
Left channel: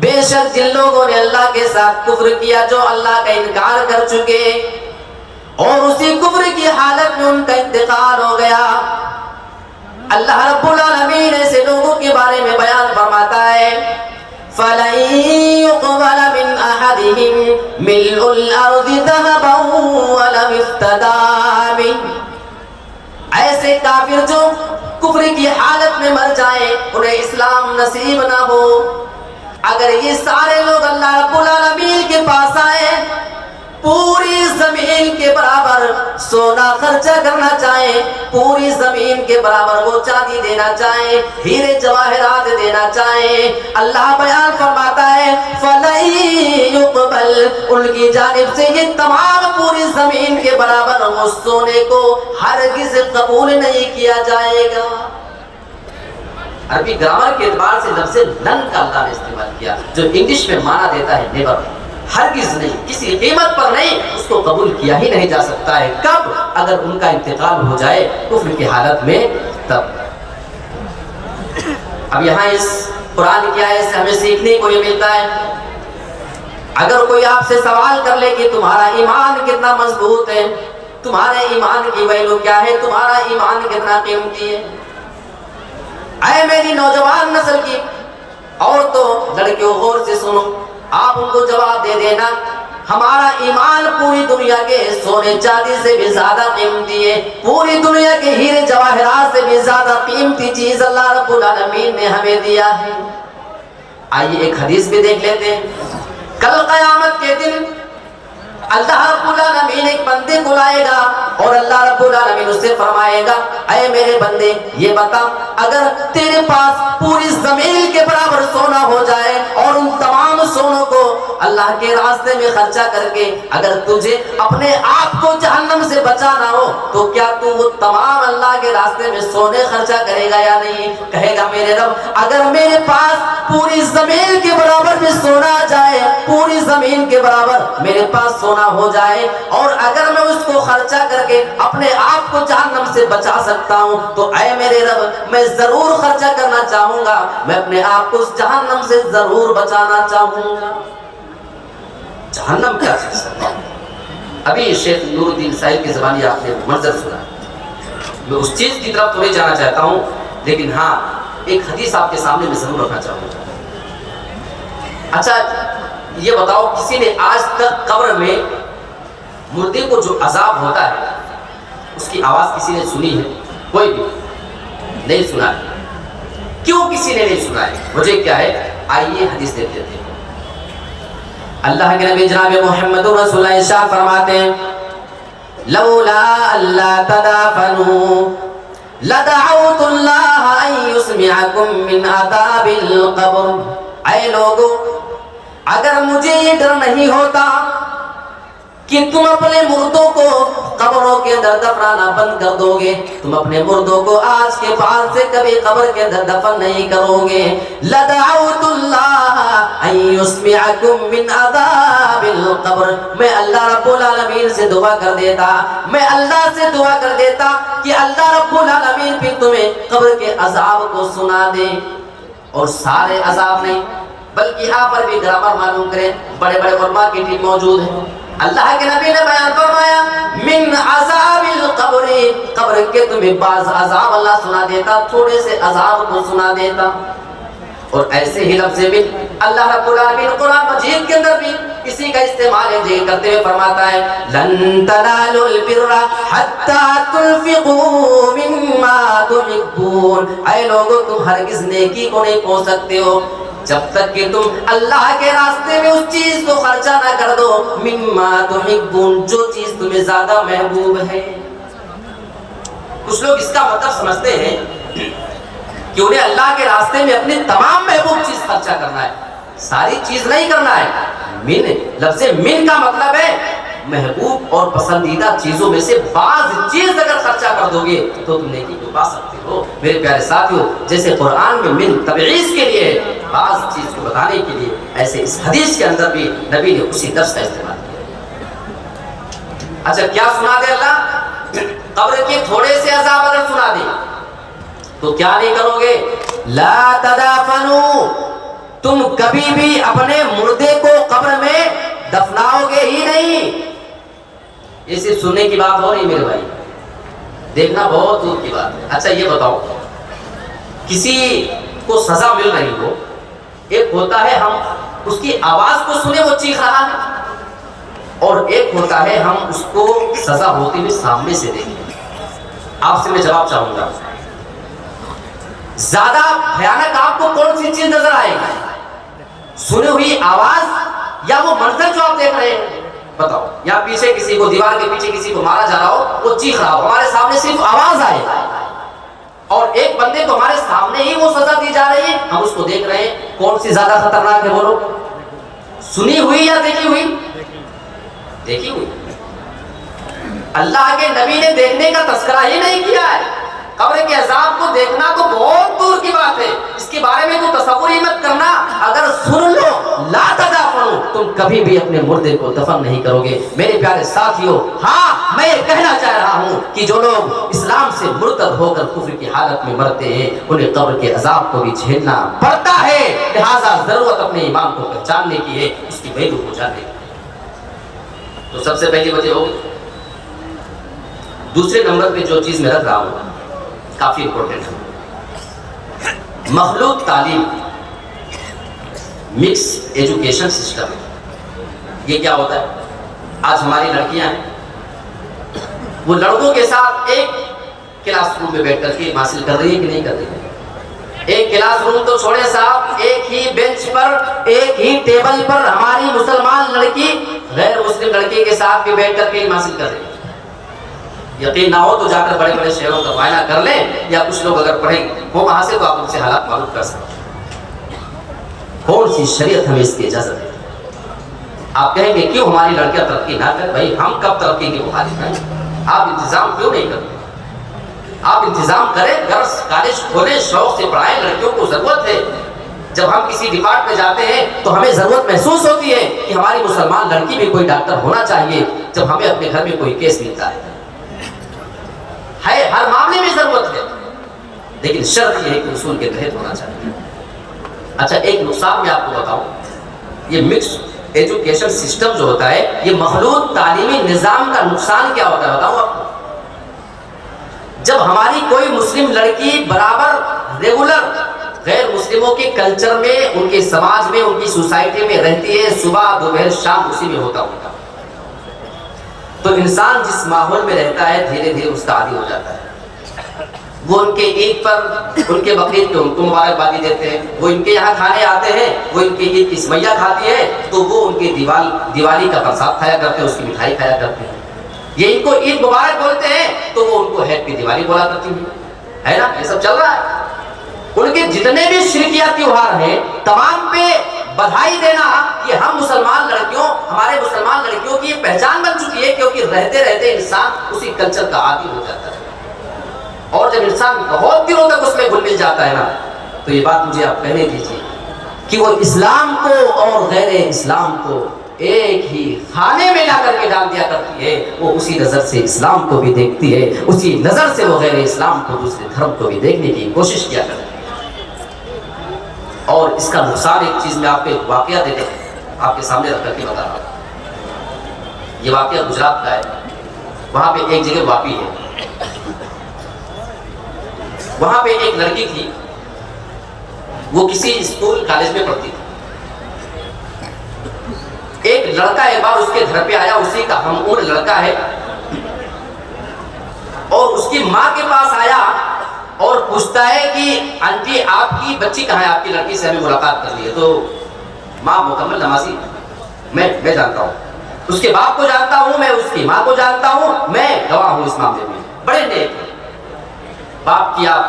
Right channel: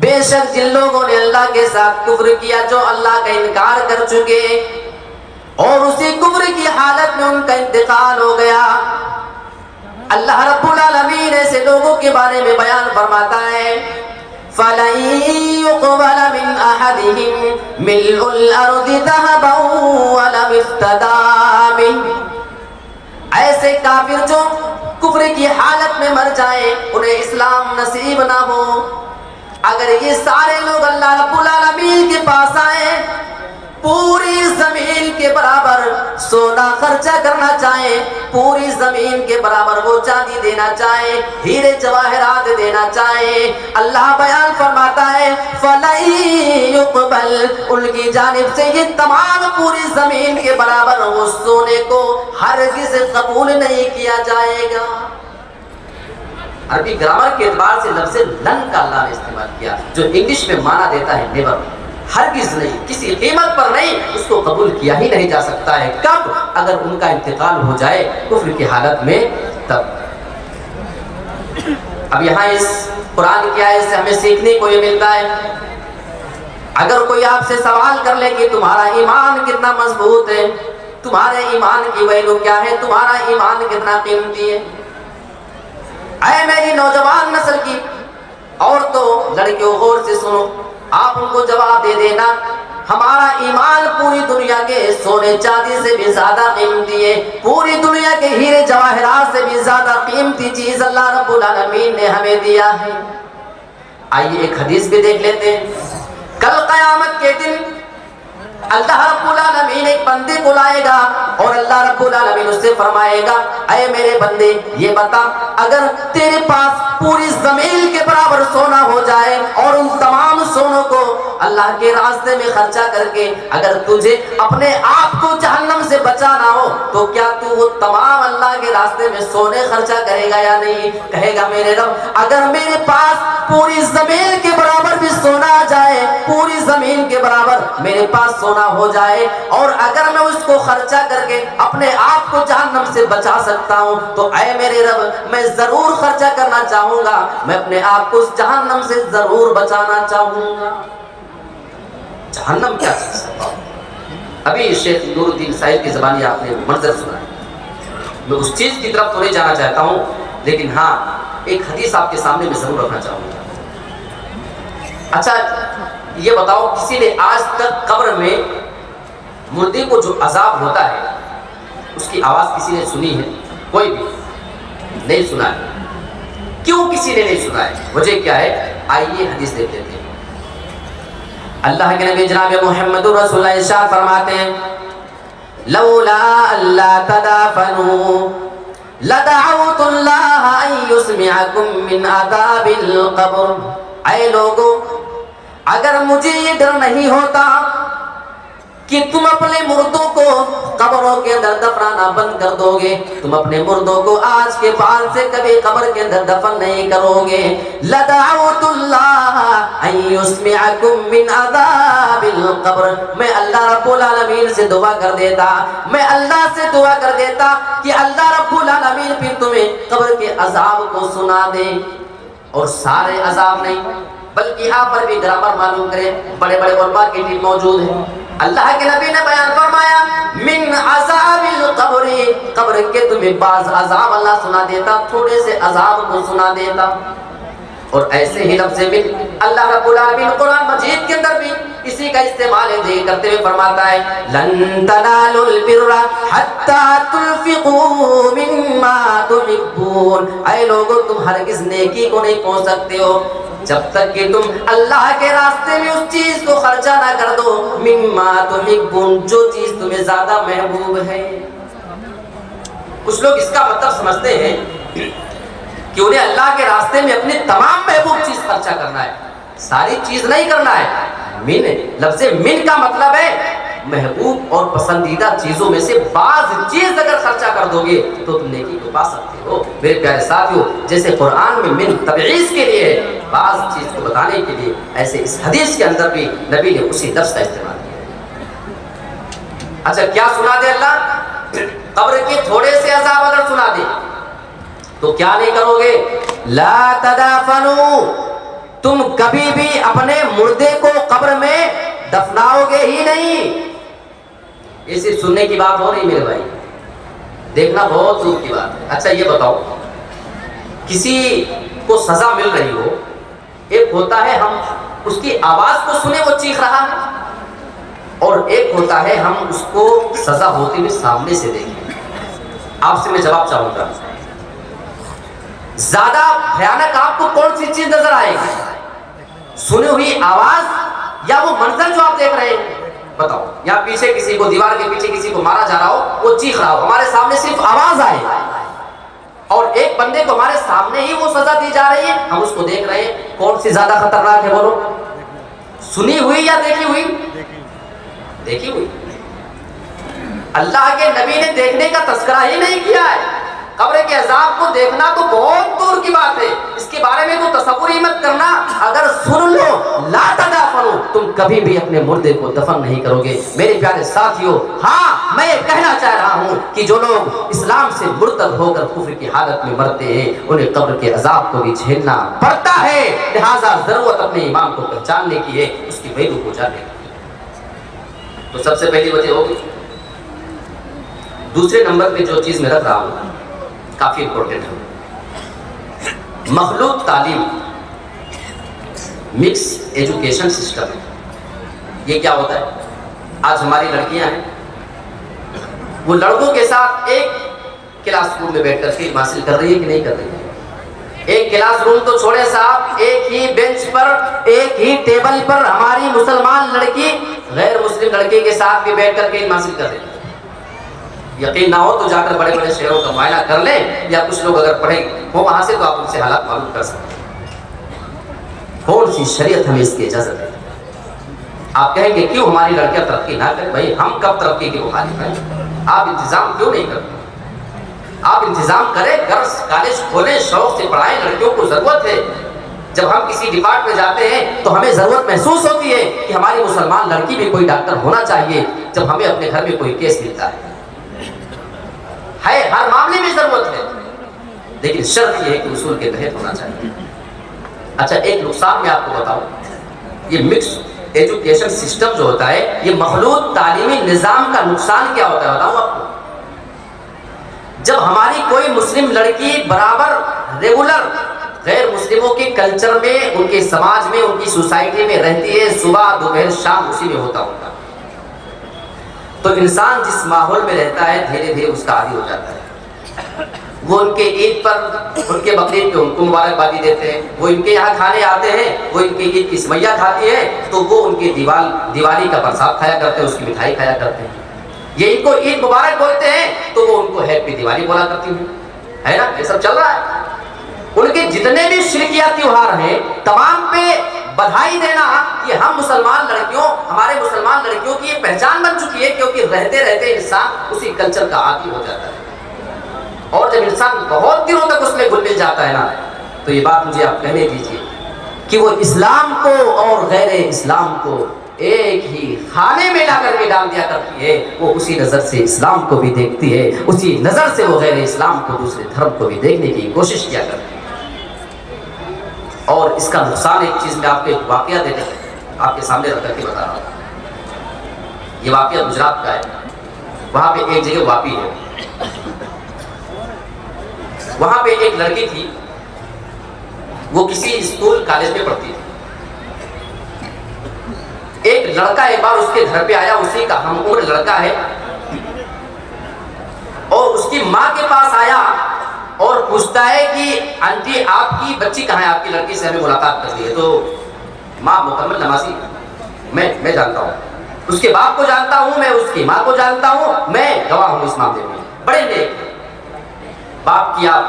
بے شک جن لوگوں نے اللہ کے ساتھ کفر کیا, جو اللہ کا انکار کر چکے, اور اسی کفر کی حالت میں ان کا انتقال ہو گیا. اللہ رب العالمین ایسے لوگوں کے بارے میں بیان فرماتا ہے, فَلَن يُقْبَلَ مِنْ أَحَدِهِمْ مِلْءُ الْأَرْضِ ذَهَبًا وَلَوِ افْتَدَىٰ بِهِ. ایسے کافر جو کفر کی حالت میں مر جائیں, انہیں اسلام نصیب نہ ہو, اگر یہ سارے لوگ اللہ رب العالمین کے پاس آئیں, پوری زمین کے برابر سونا خرچہ کرنا چاہیں, پوری زمین کے برابر وہ چاندی دینا چاہیں, ہیرے جواہرات دینا چاہیں, اللہ بیان فرماتا ہے فَلَن يُقْبَلْ, ان کی جانب سے یہ تمام پوری زمین کے برابر وہ سونے کو ہرگز قبول نہیں کیا جائے گا. عربی گرامر کے اعتبار سے لفظ لن کا اللہ نے استعمال کیا, جو انگلش میں معنی دیتا ہے نیور, ہرگز نہیں, کسی قیمت پر نہیں, اس کو قبول کیا ہی نہیں جا سکتا ہے. کب, اگر ان کا انتقال ہو جائے کفر کی حالت میں, تب. اب یہاں اس قرآن کی آیت سے ہمیں سیکھنے کو یہ ملتا ہے, اگر کوئی آپ سے سوال کر لے کہ تمہارا ایمان کتنا مضبوط ہے, تمہارے ایمان کی ویلیو کیا ہے, تمہارا ایمان کتنا قیمتی ہے, اے میری نوجوان نسل کی عورتوں لڑکیوں غور سے سنو، آپ ان کو جواب دے دینا ہمارا ایمان پوری دنیا کے سونے چاندی سے بھی زیادہ قیمتی ہے، پوری دنیا کے ہیرے جواہرات سے بھی زیادہ قیمتی چیز اللہ رب العالمین نے ہمیں دیا ہے۔ آئیے ایک حدیث بھی دیکھ لیتے ہیں۔ کل قیامت کے دن اللہ رب العالمین ایک بندے کو لائے گا اور اللہ رب العالمین اس سے فرمائے گا اے میرے بندے یہ بتا اگر تیرے پاس پوری زمین کے برابر سونا ہو جائے اور ان تمام سونوں کو اللہ کے راستے میں خرچہ کر کے اگر تجھے اپنے آپ کو جہنم سے بچانا ہو تو کیا تو وہ تمام اللہ کے راستے میں سونے خرچہ کرے گا یا نہیں؟ کہے گا میرے رب اگر میرے پاس پوری زمین کے برابر بھی سونا آ جائے، پوری زمین کے برابر میرے پاس سونا ہو جائے اور اگر میں اس کو خرچہ کر کے اپنے آپ کو جہنم سے بچا سکتا ہوں تو اے میرے رب میں ضرور خرچہ کرنا چاہوں گا، میں اپنے آپ کو اس جہنم سے ضرور بچانا چاہوں گا۔ جہنم کیا چیز ہے؟ ابھی شیخ نور الدین صاحب کی زبانی آپ نے منظر سنا، میں اس چیز کی طرف تو نہیں جانا چاہتا ہوں لیکن ہاں ایک حدیث آپ کے سامنے میں ضرور رکھنا چاہوں گا۔ اچھا یہ بتاؤ کسی نے آج تک قبر میں مردے کو جو عذاب ہوتا ہے اس کی آواز کسی نے سنی ہے؟ کوئی بھی نہیں سنا ہے۔ کیوں کسی نے نہیں سنا ہے؟ وجہ کیا ہے؟ آئیے حدیث دیکھ لیتے ہیں۔ اللہ کے نبی جناب محمد رسول اللہ ارشاد فرماتے ہیں لولا اللہ تدافنوا لدعوت اللہ ان یسمعکم من عذاب القبر۔ اے لوگو اگر مجھے یہ ڈر نہیں ہوتا کہ تم اپنے مردوں کو قبروں کے اندر دفنانا بند کر دو گے، تم اپنے مردوں کو آج کے بعد سے کبھی قبر کے اندر دفن نہیں کرو گے، لدعوت اللہ ان یسمعکم من عذاب القبر، میں اللہ رب العالمین سے دعا کر دیتا، میں اللہ سے دعا کر دیتا کہ اللہ رب العالمین بھی تمہیں قبر کے عذاب کو سنا دے۔ اور سارے عذاب نہیں بلکہ یہاں پر بھی گرامر معلوم کریں، بڑے بڑے علماء کی ٹیم موجود ہیں۔ اللہ کے نبی نے بیان فرمایا من عذاب القبر، قبر کے تمہیں بعض عذاب اللہ سنا دیتا، تھوڑے سے عذاب کو سنا دیتا۔ اور ایسے ہی لفظ بھی اللہ رب العالمین قرآن مجید کے اندر بھی اسی کا استعمال ہے کرتے ہوئے فرماتا ہے لن تنالوا البر حتى تنفقوا مما تحبون، اے لوگوں تم ہرگز نیکی کو نہیں پہنچ سکتے ہو جب تک کہ تم اللہ کے راستے میں اس چیز کو خرچہ نہ کر دو مما تحبون، جو چیز تمہیں زیادہ محبوب ہے۔ کچھ لوگ اس کا مطلب سمجھتے ہیں کہ انہیں اللہ کے راستے میں اپنی تمام محبوب چیز خرچہ کرنا ہے، ساری چیز نہیں کرنا ہے۔ من لفظ من کا مطلب ہے محبوب اور پسندیدہ چیزوں میں سے بعض چیز اگر خرچہ کر دو گے تو تم نیکی کو پا سکتے ہو۔ میرے پیارے ساتھیوں جیسے قرآن میں من تبعیض کے لیے بعض چیز کو بتانے کے لیے، ایسے اس حدیث کے اندر بھی نبی نے اسی لفظ کا استعمال کیا۔ اچھا کیا سنا دے اللہ؟ قبر کے تھوڑے سے عذاب اگر سنا دے تو کیا نہیں کرو گے؟ لا تدافنوا، تم کبھی بھی اپنے مردے کو قبر میں دفناؤ گے ہی نہیں۔ یہ صرف سننے کی بات ہو نہیں میرے بھائی، دیکھنا بہت دور کی بات ہے۔ اچھا یہ بتاؤ کسی کو سزا مل رہی ہو، ایک ہوتا ہے ہم اس کی آواز کو سنے وہ چیخ رہا ہے، اور ایک ہوتا ہے ہم اس کو سزا ہوتے ہوئے سامنے سے دیکھیں۔ آپ سے میں جواب چاہوں گا زیادہ بھیانک آپ کو کون سی چیز نظر آئے گی؟ سنی ہوئی آواز یا وہ منظر جو آپ دیکھ رہے ہیں؟ بتاؤ، یہاں پیچھے کسی کو دیوار کے پیچھے کسی کو مارا جا رہا ہو، وہ چیخ رہا ہو، ہمارے سامنے صرف آواز آئے، اور ایک بندے کو ہمارے سامنے ہی وہ سزا دی جا رہی ہے، ہم اس کو دیکھ رہے ہیں، کون سی زیادہ خطرناک ہے بولو؟ سنی ہوئی یا دیکھی ہوئی؟ دیکھی ہوئی۔ اللہ کے نبی نے دیکھنے کا تذکرہ ہی نہیں کیا ہے۔ قبر کے عذاب کو دیکھنا تو بہت دور کی بات ہے، اس کے بارے میں تو تصور ہی مت کرنا۔ اگر سن لو لا تدافنوا، تم کبھی بھی اپنے مردے کو دفن نہیں کرو گے۔ میرے پیارے ساتھیوں ہاں میں یہ کہنا چاہ رہا ہوں کہ جو لوگ اسلام سے مرتد ہو کر کفر کی حالت میں مرتے ہیں انہیں قبر کے عذاب کو بھی جھیلنا پڑتا ہے، لہٰذا ضرورت اپنے ایمان کو پہچاننے کی ہے، اس کی ویلو کو جاننے کی ہے۔ تو سب سے پہلی وجہ ہوگی۔ دوسرے نمبر پہ جو چیز میں رکھ رہا ہوں کافی امپورٹنٹ ہے، مخلوق تعلیم مکس ایجوکیشن سسٹم ہے. یہ کیا ہوتا ہے؟ آج ہماری لڑکیاں ہیں، وہ لڑکوں کے ساتھ ایک کلاس روم میں بیٹھ کر کے حاصل کر رہی ہے کہ نہیں کر رہی ہے؟ ایک کلاس روم تو چھوڑے صاحب، ایک ہی بینچ پر، ایک ہی ٹیبل پر ہماری مسلمان لڑکی غیر مسلم لڑکے کے ساتھ بھی بیٹھ کر کے حاصل کر رہی ہے. یقین نہ ہو تو جا کر بڑے بڑے شہروں کا معائنہ کر لیں، یا کچھ لوگ اگر پڑھیں وہ وہاں سے، تو آپ ان سے حالات معلوم کر سکتے ہیں. کون سی شریعت ہمیں اس کی اجازت ہے؟ آپ کہیں گے کیوں ہماری لڑکیاں ترقی نہ کریں؟ بھائی ہم کب ترقی کی مخالف ہیں؟ آپ انتظام کیوں نہیں کرتے؟ آپ انتظام کریں، درس کالج کھولیں، شوق سے پڑھائیں. لڑکیوں کو ضرورت ہے. جب ہم کسی ڈپارٹ میں جاتے ہیں تو ہمیں ضرورت محسوس ہوتی ہے کہ ہماری مسلمان لڑکی بھی کوئی ڈاکٹر ہونا چاہیے. جب ہمیں اپنے گھر میں کوئی کیس ملتا ہے ہر معاملے میں ضرورت ہے، لیکن شرط یہ ہے کہ اصول کے تحت ہونا چاہیے. اچھا، ایک نقصان میں آپ کو بتاؤں. یہ مکس ایجوکیشن سسٹم جو ہوتا ہے، یہ مخلوط تعلیمی نظام کا نقصان کیا ہوتا ہے بتاؤں آپ کو. جب ہماری کوئی مسلم لڑکی برابر ریگولر غیر مسلموں کے کلچر میں، ان کے سماج میں، ان کی سوسائٹی میں رہتی ہے، صبح دوپہر شام اسی میں ہوتا ہے، تو انسان جس ماحول میں رہتا ہے دھیرے دھیرے اس کا عادی ہو جاتا ہے. وہ ان کے عید پر، ان کے بقرعید پہ ان کو مبارکبادی دیتے ہیں، وہ ان کے یہاں کھانے آتے ہیں، وہ ان کی عید کی سویاں کھاتی ہے تو وہ ان کے دیوالی کا پرساد کھایا کرتے ہیں، اس کی مٹھائی کھایا کرتے ہیں. یہ ان کو عید مبارک بولتے ہیں تو وہ ان کو ہیپی دیوالی بولا کرتی ہیں، ہے نا؟ یہ سب چل رہا ہے. ان کے جتنے بھی شرکیات تیوہار ہیں تمام پہ بدھائی دینا، یہ ہم مسلمان لڑکیوں، ہمارے مسلمان لڑکیوں کی یہ پہچان بن چکی ہے، کیونکہ رہتے رہتے انسان اسی کلچر کا عادی ہو جاتا ہے. اور جب انسان بہت دنوں تک اس میں گھل مل جاتا ہے نا، تو یہ بات مجھے آپ کہنے دیجیے کہ وہ اسلام کو اور غیر اسلام کو ایک ہی کھانے میں لا کر کے ڈال دیا کرتی ہے. وہ اسی نظر سے اسلام کو بھی دیکھتی ہے، اسی نظر سے وہ غیر اسلام کو، دوسرے دھرم کو بھی دیکھنے کی کوشش کیا کرتی ہے. اور اس کا نقصان ایک چیز میں آپ کو ایک واقعہ دے کر آپ کے سامنے رکھ کر کے بتا رہا ہوں. یہ واقعہ گجرات کا ہے. وہاں پہ ایک جگہ واپی ہے، وہاں پہ ایک لڑکی تھی، وہ کسی اسکول کالج میں پڑھتی تھی. ایک لڑکا ایک بار اس کے گھر پہ آیا، اسی کا ہم عمر لڑکا ہے، اور اس کی ماں کے پاس آیا اور پوچھتا ہے کہ آنٹی آپ کی بچی کہاں ہے؟ آپ کی لڑکی سے ہمیں ملاقات کر لی ہے. تو ماں مکمل نمازی، میں جانتا ہوں، اس کے باپ کو جانتا ہوں، میں اس کی ماں کو جانتا ہوں، میں گواہ ہوں اس معاملے میں. بڑے نیک ہیں. باپ کی آپ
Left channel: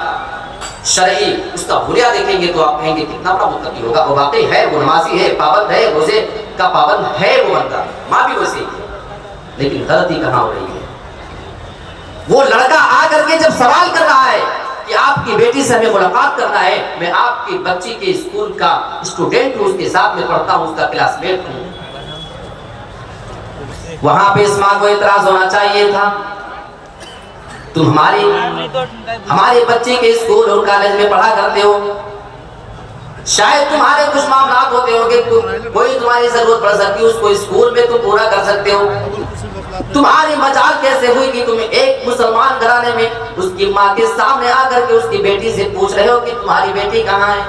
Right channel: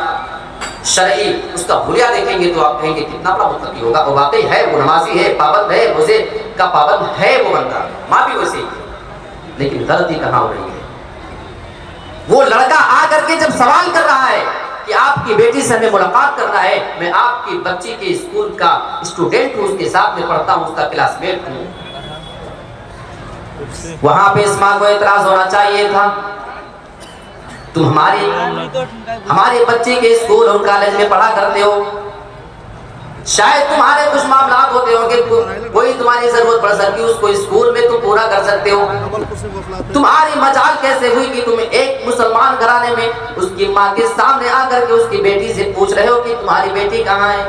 شرعی اس کا حلیہ دیکھیں گے تو آپ کہیں گے کتنا بڑا متقی ہوگا. وہ واقعی ہے، وہ نمازی ہے، پابند ہے، روزے کا پابند ہے وہ بندہ. ماں بھی ویسے ہی ہے. لیکن غلطی کہاں ہو رہی ہے؟ وہ لڑکا آ کر کے جب سوال کر رہا ہے کہ آپ کی بیٹی سے ہمیں ملاقات کرنا ہے، میں آپ کی بچی کے اسکول کا اسٹوڈنٹ ہوں، اس کے ساتھ میں پڑھتا ہوں، اس کا کلاس میٹ ہوں. وہاں پہ اس ماں کو اعتراض ہونا چاہیے تھا. تم ہمارے بچے کے اسکول اور کالج میں پڑھا کرتے ہو، شاید تمہارے کچھ معاملات ہوتے ہوں کہ کوئی تمہاری ضرورت پڑ سکتی ہے، اس کو اسکول میں تم پورا کر سکتے ہو. تمہاری مجال کیسے ہوئی کہ تم ایک مسلمان گھرانے میں اس کی ماں کے سامنے آ کر کے اس کی بیٹی سے پوچھ رہے ہو کہ تمہاری بیٹی کہاں ہے؟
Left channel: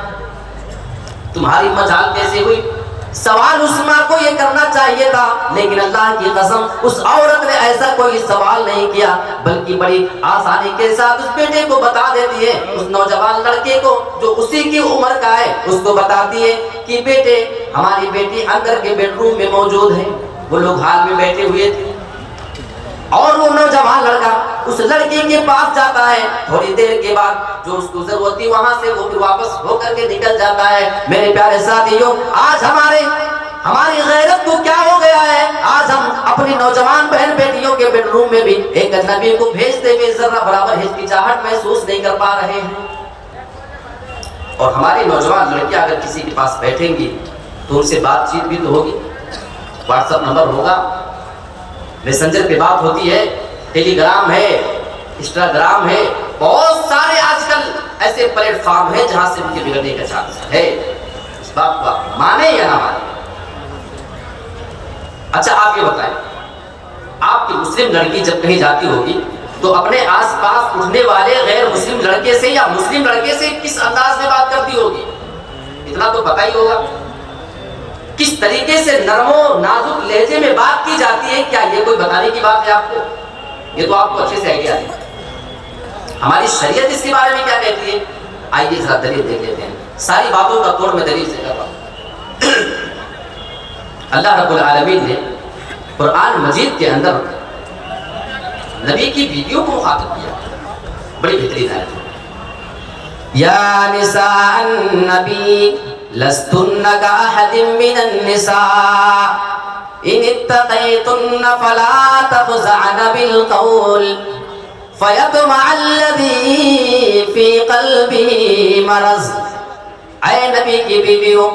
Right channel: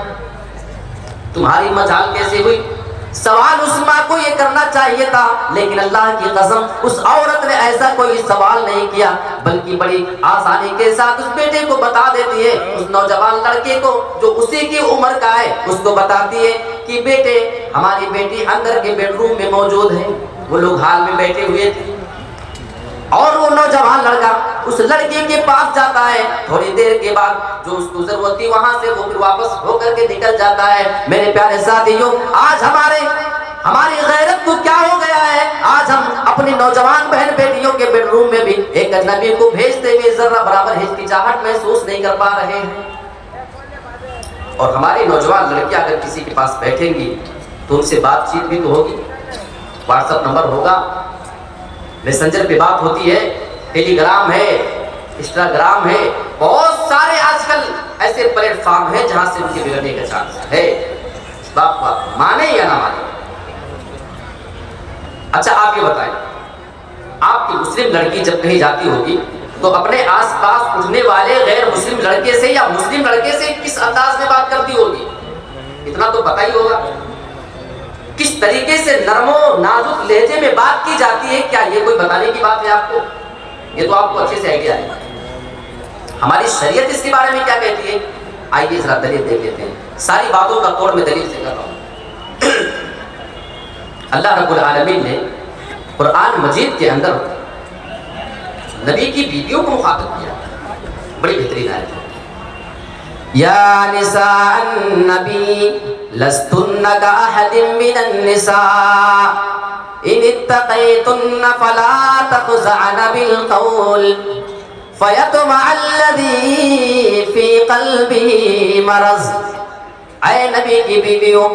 تمہاری مجال کیسے ہوئی؟ سوال اس ماں کو یہ کرنا چاہیے تھا، لیکن اللہ کی قسم اس عورت نے ایسا کوئی سوال نہیں کیا، بلکہ بڑی آسانی کے ساتھ اس بیٹے کو بتا دیتی ہے، اس نوجوان لڑکے کو جو اسی کی عمر کا ہے اس کو بتاتی ہے کہ بیٹے ہماری بیٹی اندر کے بیڈ روم میں موجود ہے. وہ لوگ حال میں بیٹھے ہوئے تھے اور وہ نوجوان لڑکا اس لڑکی کے پاس جاتا ہے. تھوڑی دیر کے بعد جو اس کو ضرورت تھی وہاں سے وہ پھر واپس ہو کر کے نکل جاتا ہے. میرے پیارے ساتھیوں، آج ہماری غیرت کو کیا ہو گیا ہے؟ آج ہم اپنی نوجوان بہن بیٹیوں کے بیڈ روم میں بھی ایک اجنبی کو بھیجتے ہوئے ذرہ برابر ہچکچاہٹ محسوس نہیں کر پا رہے ہیں. اور ہماری نوجوان لڑکیاں اگر کسی کے پاس بیٹھیں گی تو ان سے بات چیت بھی تو ہوگی، واٹس ایپ نمبر ہوگا، میسنجر پہ بات ہوتی ہے، ٹیلی گرام ہے، انسٹاگرام ہے، بہت سارے آج کل ایسے پلیٹ فارم ہیں جہاں سے ان کے ملنے کا چانس ہے. اس بات کو آپ مانے یا نہ مانے. اچھا آپ یہ بتائیں، آپ کی مسلم لڑکی جب کہیں جاتی ہوگی تو اپنے آس پاس اٹھنے والے غیر مسلم لڑکے سے یا مسلم لڑکے سے کس انداز میں بات کرتی ہوگی؟ اتنا تو پتہ ہی ہوگا. کس طریقے سے نرم و نازک لہجے میں بات کی جاتی ہے، کیا یہ کوئی بتانے کی بات ہے آپ کو؟ یہ تو آپ کو اچھے سے آئیڈیا ہے۔ ہماری شریعت اس کے بارے میں کیا کہتی ہے؟ آئیے ذرا دلیل دیکھ لیتے ہیں۔ ساری باتوں کا توڑ میں دلیل سے کر رہا ہوں۔ اللہ رب العالمین نے قرآن مجید کے اندر نبی کی بیویوں کو مخاطب کیا، بڑی بہترین آیت ہے۔ یا نساء النبی لستن کأحد من النساء ان اتقیتن فلا تخضعن بالقول فیطمع الذی فی قلبہ مرض۔ اے نبی کی بیویوں،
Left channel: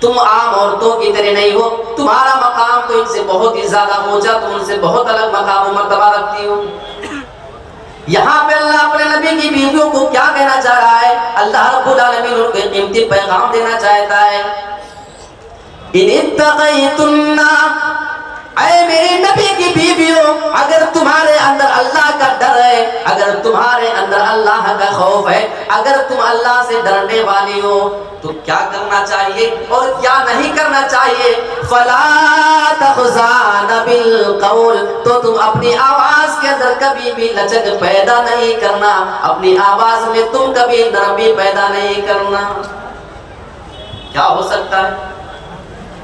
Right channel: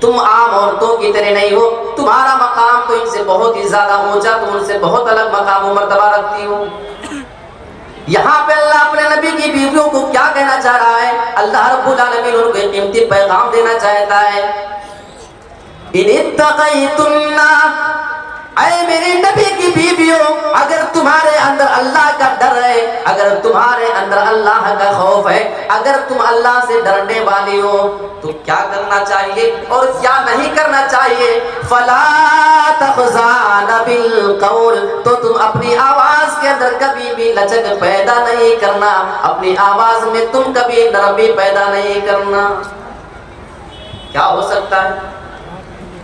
تم عام عورتوں کی طرح نہیں ہو، تمہارا مقام تو ان سے بہت ہی زیادہ اونچا، تم ان سے بہت الگ مقام و مرتبہ رکھتی ہو۔ یہاں پہ اللہ اپنے نبی کی بیویوں کو کیا کہنا چاہ رہا ہے؟ اللہ رب العالمین ان کو ایک قیمتی پیغام دینا چاہتا ہے۔ ان اتقیتن، اے میرے نبی کی بیویوں، اگر تمہارے اندر اللہ کا ڈر ہے، اگر تمہارے اندر اللہ کا خوف ہے، اگر تم اللہ سے ڈرنے والی ہو تو کیا کرنا چاہیے اور کیا نہیں کرنا چاہیے؟ فلا تخضعن بالقول، تو تم اپنی آواز کے اندر کبھی بھی لچک پیدا نہیں کرنا، اپنی آواز میں تم کبھی نرمی پیدا نہیں کرنا۔ کیا ہو سکتا ہے؟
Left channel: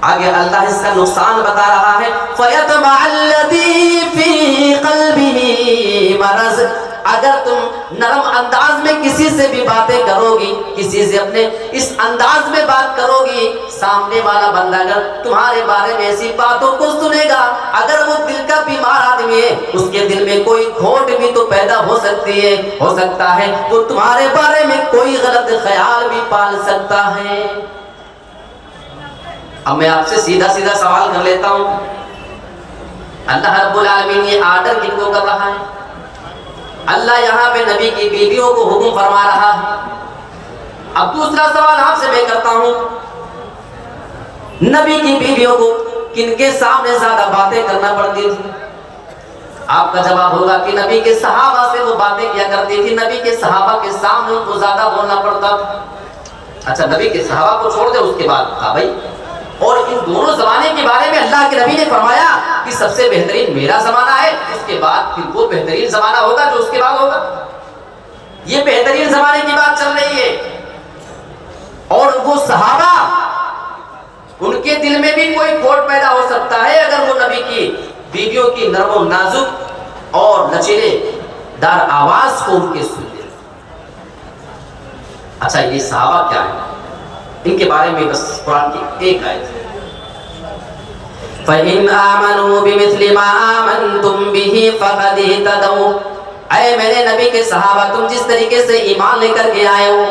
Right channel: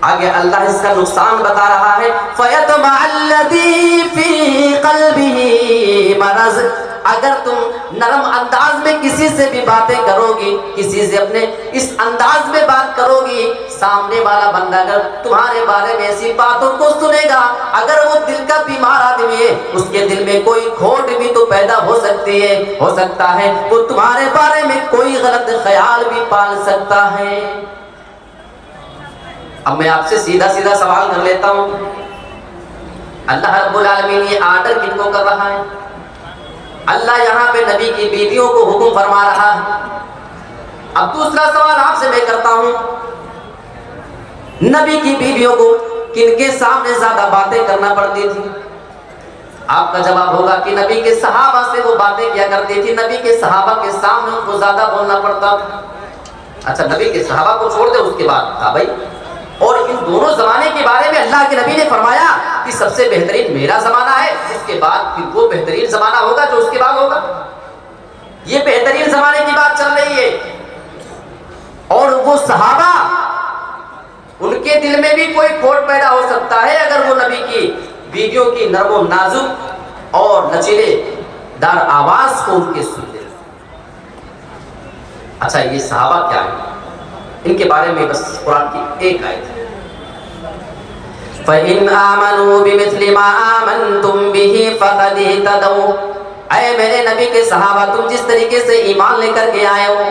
آگے اللہ اس کا نقصان بتا رہا ہے۔ فَيَطْمَعَ الَّذِي فِي قَلْبِهِ مَرَضٌ، اگر تم نرم انداز میں کسی سے بھی باتیں کرو گی، کسی سے اپنے اس انداز میں بات کرو گی، سامنے والا بندہ اگر تمہارے بارے میں ایسی باتوں کو سنے گا، اگر وہ دل کا بیمار آدمی ہے، اس کے دل میں کوئی کھوٹ بھی تو پیدا ہو سکتی ہے، ہو سکتا ہے وہ تمہارے بارے میں کوئی غلط خیال بھی پال سکتا ہے۔ اب میں آپ سے سیدھا سیدھا سوال کر لیتا ہوں، اللہ رب العالمین یہ آرڈر کن کو کر رہا ہے؟ اللہ یہاں پہ نبی کی بیویوں کو حکم فرما رہا ہے۔ اب دوسرا سوال آپ سے میں کرتا ہوں، نبی کی بیویوں کو کن کے سامنے زیادہ باتیں کرنا پڑتی تھی؟ آپ کا جواب ہوگا کہ نبی کے صحابہ سے وہ باتیں کیا کرتی تھی، نبی کے صحابہ کے سامنے ان کو زیادہ بولنا پڑتا تھا۔ اچھا، نبی کے صحابہ کو چھوڑ دے، اس کے بعد تھا بھائی، اور ان دونوں زمانے کے بارے میں اللہ کے نبی نے فرمایا کہ سب سے بہترین میرا زمانہ ہے، اس کے بعد پھر وہ بہترین زمانہ ہوگا جو اس کے بعد ہوگا۔ یہ بہترین زمانے کی بات چل رہی ہے، اور وہ صحابہ، ان کے دل میں بھی کوئی کھوٹ پیدا ہو سکتا ہے اگر وہ نبی کی بیویوں کی نرم و نازک اور لچیلے دار آواز کو ان کے سن لیں۔ اچھا، یہ صحابہ کیا ہے؟ ان کے بارے میں بس قرآن کی ایک آیت ہے، فَإِنْ آمَنُوا بِمِثْلِ مَا آمَنْتُمْ بِهِ فَقَدِ اهْتَدَوْا۔ اے میرے نبی کے صحابہ، تم جس طریقے سے ایمان لے کر کے آئے ہو،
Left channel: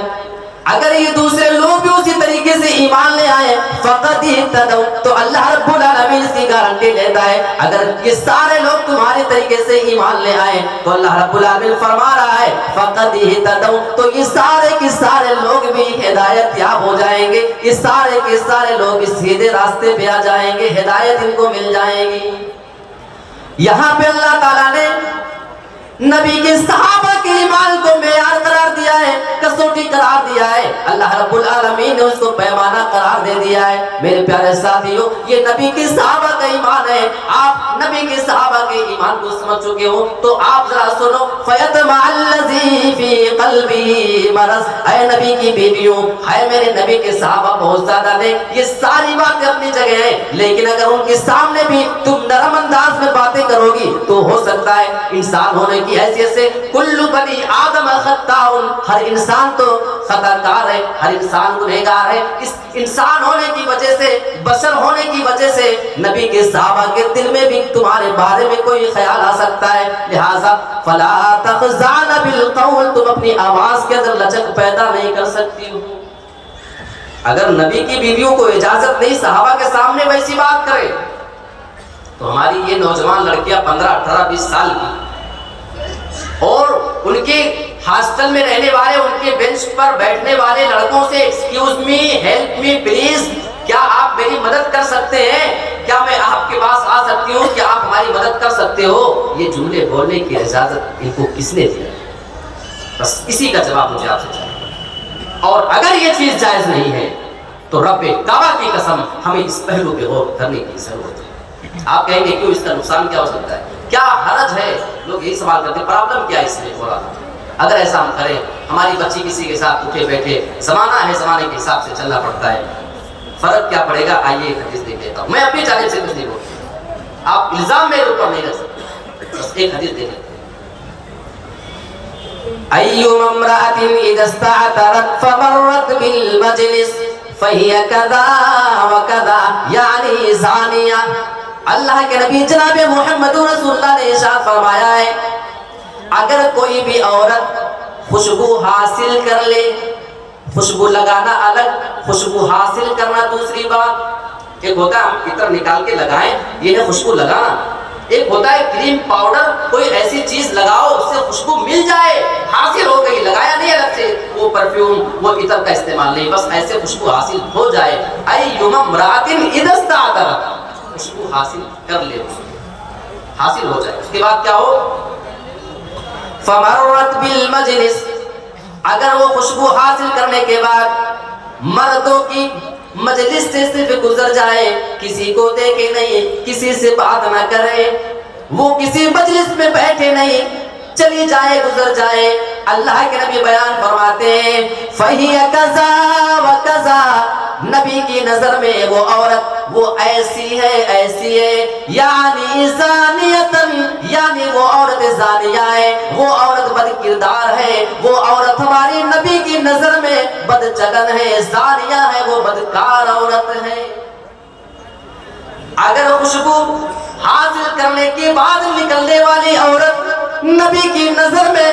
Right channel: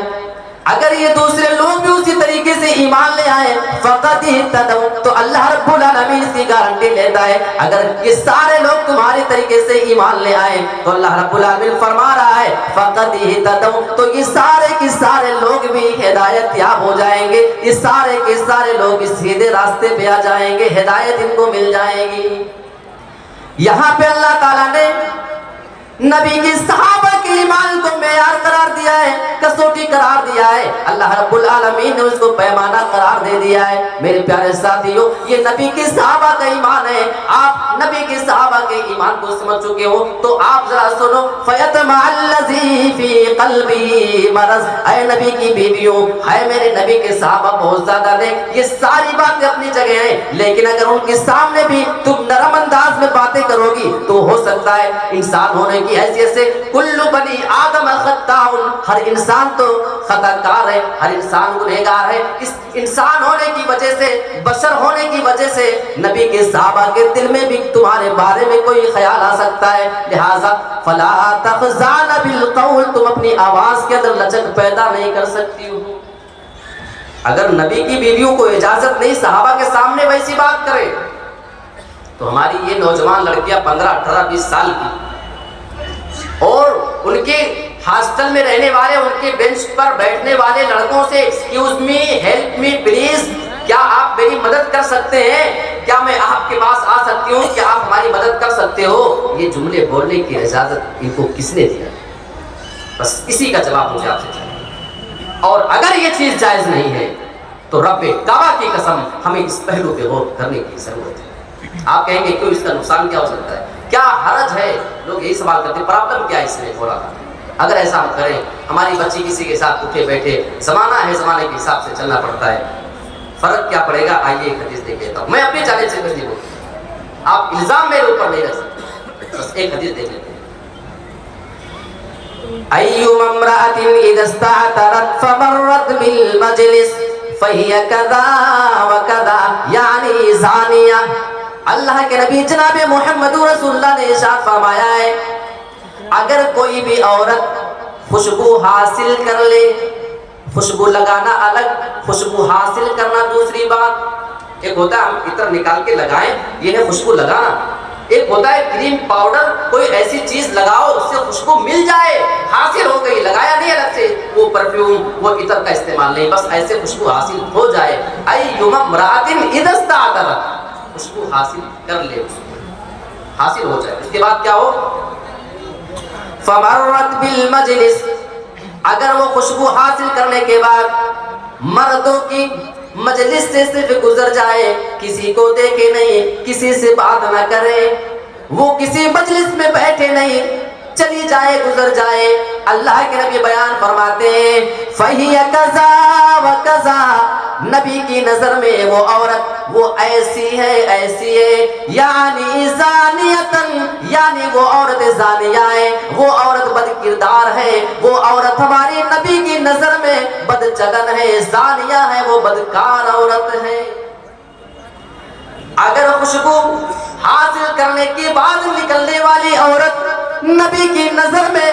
اگر یہ دوسرے لوگ بھی اسی طریقے سے ایمان لے آئے فَقَدِ اهْتَدَوْا، تو اللہ رب العالمین اس کی گارنٹی لیتا ہے اگر یہ سارے لوگ تمہارے طریقے سے ایمان لے آئے تو اللہ رب العالمین فرما رہا ہے فَقَدِ اهْتَدَوْا، تو یہ سارے کے سارے لوگ بھی ہدایت یاب ہو جائیں گے، یہ سارے کے سارے لوگ بھی سیدھے راستے پہ آ جائیں گے، ہدایت ان کو مل جائے گی۔ یہاں پہ اللہ تعالیٰ نے نبی کے صحابہ کی ایمان کو معیار قرار دیا ہے، کسوٹی قرار دیا ہے، اللہ رب العالمین نے اس کو پیمانہ قرار دے دیا ہے۔ میرے پیارے ساتھیوں، یہ نبی کے صحابہ کا ایمان ہے۔ آپ نبی کے صحابہ کے ایمان کو سمجھ چکے ہو تو آپ ذرا سنو، فَيَطْمَعَ الَّذِي فِي قَلْبِهِ مَرَضٌ، اے نبی کی بیویوں، اے میرے نبی کے صحابہ بہت زیادہ نہیں، یہ ساری باتیں اپنی جگہ ہیں، لیکن اگر ان کے سامنے بھی تم نرم انداز میں باتیں کرو گی تو ہو سکتا ہے انسان ہونے کی حیثیت سے کل بنی آدم خطاء، ہر انسان تو خطا کار ہے، ہر انسان گنہگار ہے۔ اس انسان ہونے کی وجہ سے، بشر ہونے کی وجہ سے نبی کے صحابہ کے دل میں بھی تمہارے بارے میں کوئی خیال آ سکتا ہے، لہٰذا فلا تخضعن بالقول، تم اپنی آواز کے اندر لچک پیدا نہیں کر سکتی ہو۔ اگر نبی کی بیویوں کو اجازت نہیں صحابہ کے سامنے ویسی بات کرے تو ہماری یہ نوجوان لڑکیاں 15, 18, 20 سال کی اور ان کے ہاسٹل میں رہنے والے، ان کے بینچ پر بیٹھنے والے لڑکوں سے excuse me, help me please, کیا آپ میری مدد کر سکتے ہیں؟ کیا میں آپ کے پاس آ سکتی ہوں؟ کیا آپ ہماری مدد کر سکتے ہو؟ یہ جملے بولنے کی اجازت ان کو کس نے دی؟ بس اسی کا جواب مجھے آپ سے چاہیے۔ اور اگر یہ چیز جائز نہیں ہے تو رب کعبہ کی قسم ہمیں اس پہلو پہ غور کرنے کی ضرورت ہے. آپ کہیں گے کیوں، اس کا نقصان کیا ہو سکتا ہے، کیا حرج ہے؟ لوگ یہی سوال کرتے ہیں پرابلم کیا ہے اس میں ہو رہا ہے. اگر ایسا ہم کریں، ہماری بچی کسی کے ساتھ اٹھے بیٹھے، زمانہ ہے، زمانے کے حساب سے چلنا پڑتا ہے، فرق کیا پڑے گا؟ آئیے ایک حدیث دیکھ لیتا ہوں. میں اپنی جانب سے کچھ نہیں بولتا، آپ الزام میرے اوپر نہیں کر سکتے، بس ایک حدیث دیکھ لیتے ہیں. أيما امرأة إذا استعترت فمرت بالمجلس فهي كذا وكذا يعني زانية. اللہ کے نبی جناب محمد رسول اللہ نے ارشاد فرمایا ہے، اگر کوئی بھی عورت خوشبو حاصل کر لے، خوشبو لگانا الگ، خوشبو حاصل کرنا دوسری بات. ایک ہوتا ہے ہم عطر نکال کے لگائیں، یہ ہے خوشبو لگانا. ایک ہوتا ہے کریم پاؤڈر، کوئی ایسی چیز لگاؤ اس سے خوشبو مل جائے، حاصل ہو گئی، لگایا نہیں الگ سے، وہ پرفیوم وہ عطر کا استعمال نہیں، بس ایسے خوشبو حاصل ہو جائے. ایما امرأۃ اذا استعطرت، خوشبو حاصل کر لے، حاصل ہو جائے. اس کے بعد کیا ہو؟ فمرت بالمجلس، اگر وہ خوشبو حاصل کرنے کے بعد مردوں کی مجلس سے صرف گزر جائے، کسی کو دیکھے نہیں، کسی سے بات نہ کرے، وہ کسی مجلس میں بیٹھے نہیں، چلی جائے، گزر جائے، اللہ کے نبی بیان فرماتے ہیں فَهِيَ كَذَا وَكَذَا، نبی کی نظر میں وہ عورت وہ ایسی ہے، ایسی ہے، یعنی زانیتن، یعنی وہ عورت زانیہ ہے، وہ عورت بد کردار ہے، وہ عورت ہماری نبی کی نظر میں بد چلن ہے، زانیہ ہے، وہ بدکار عورت ہے. اگر خوشبو حاصل کرنے کے بعد نکلنے والی عورت نبی کی نظر میں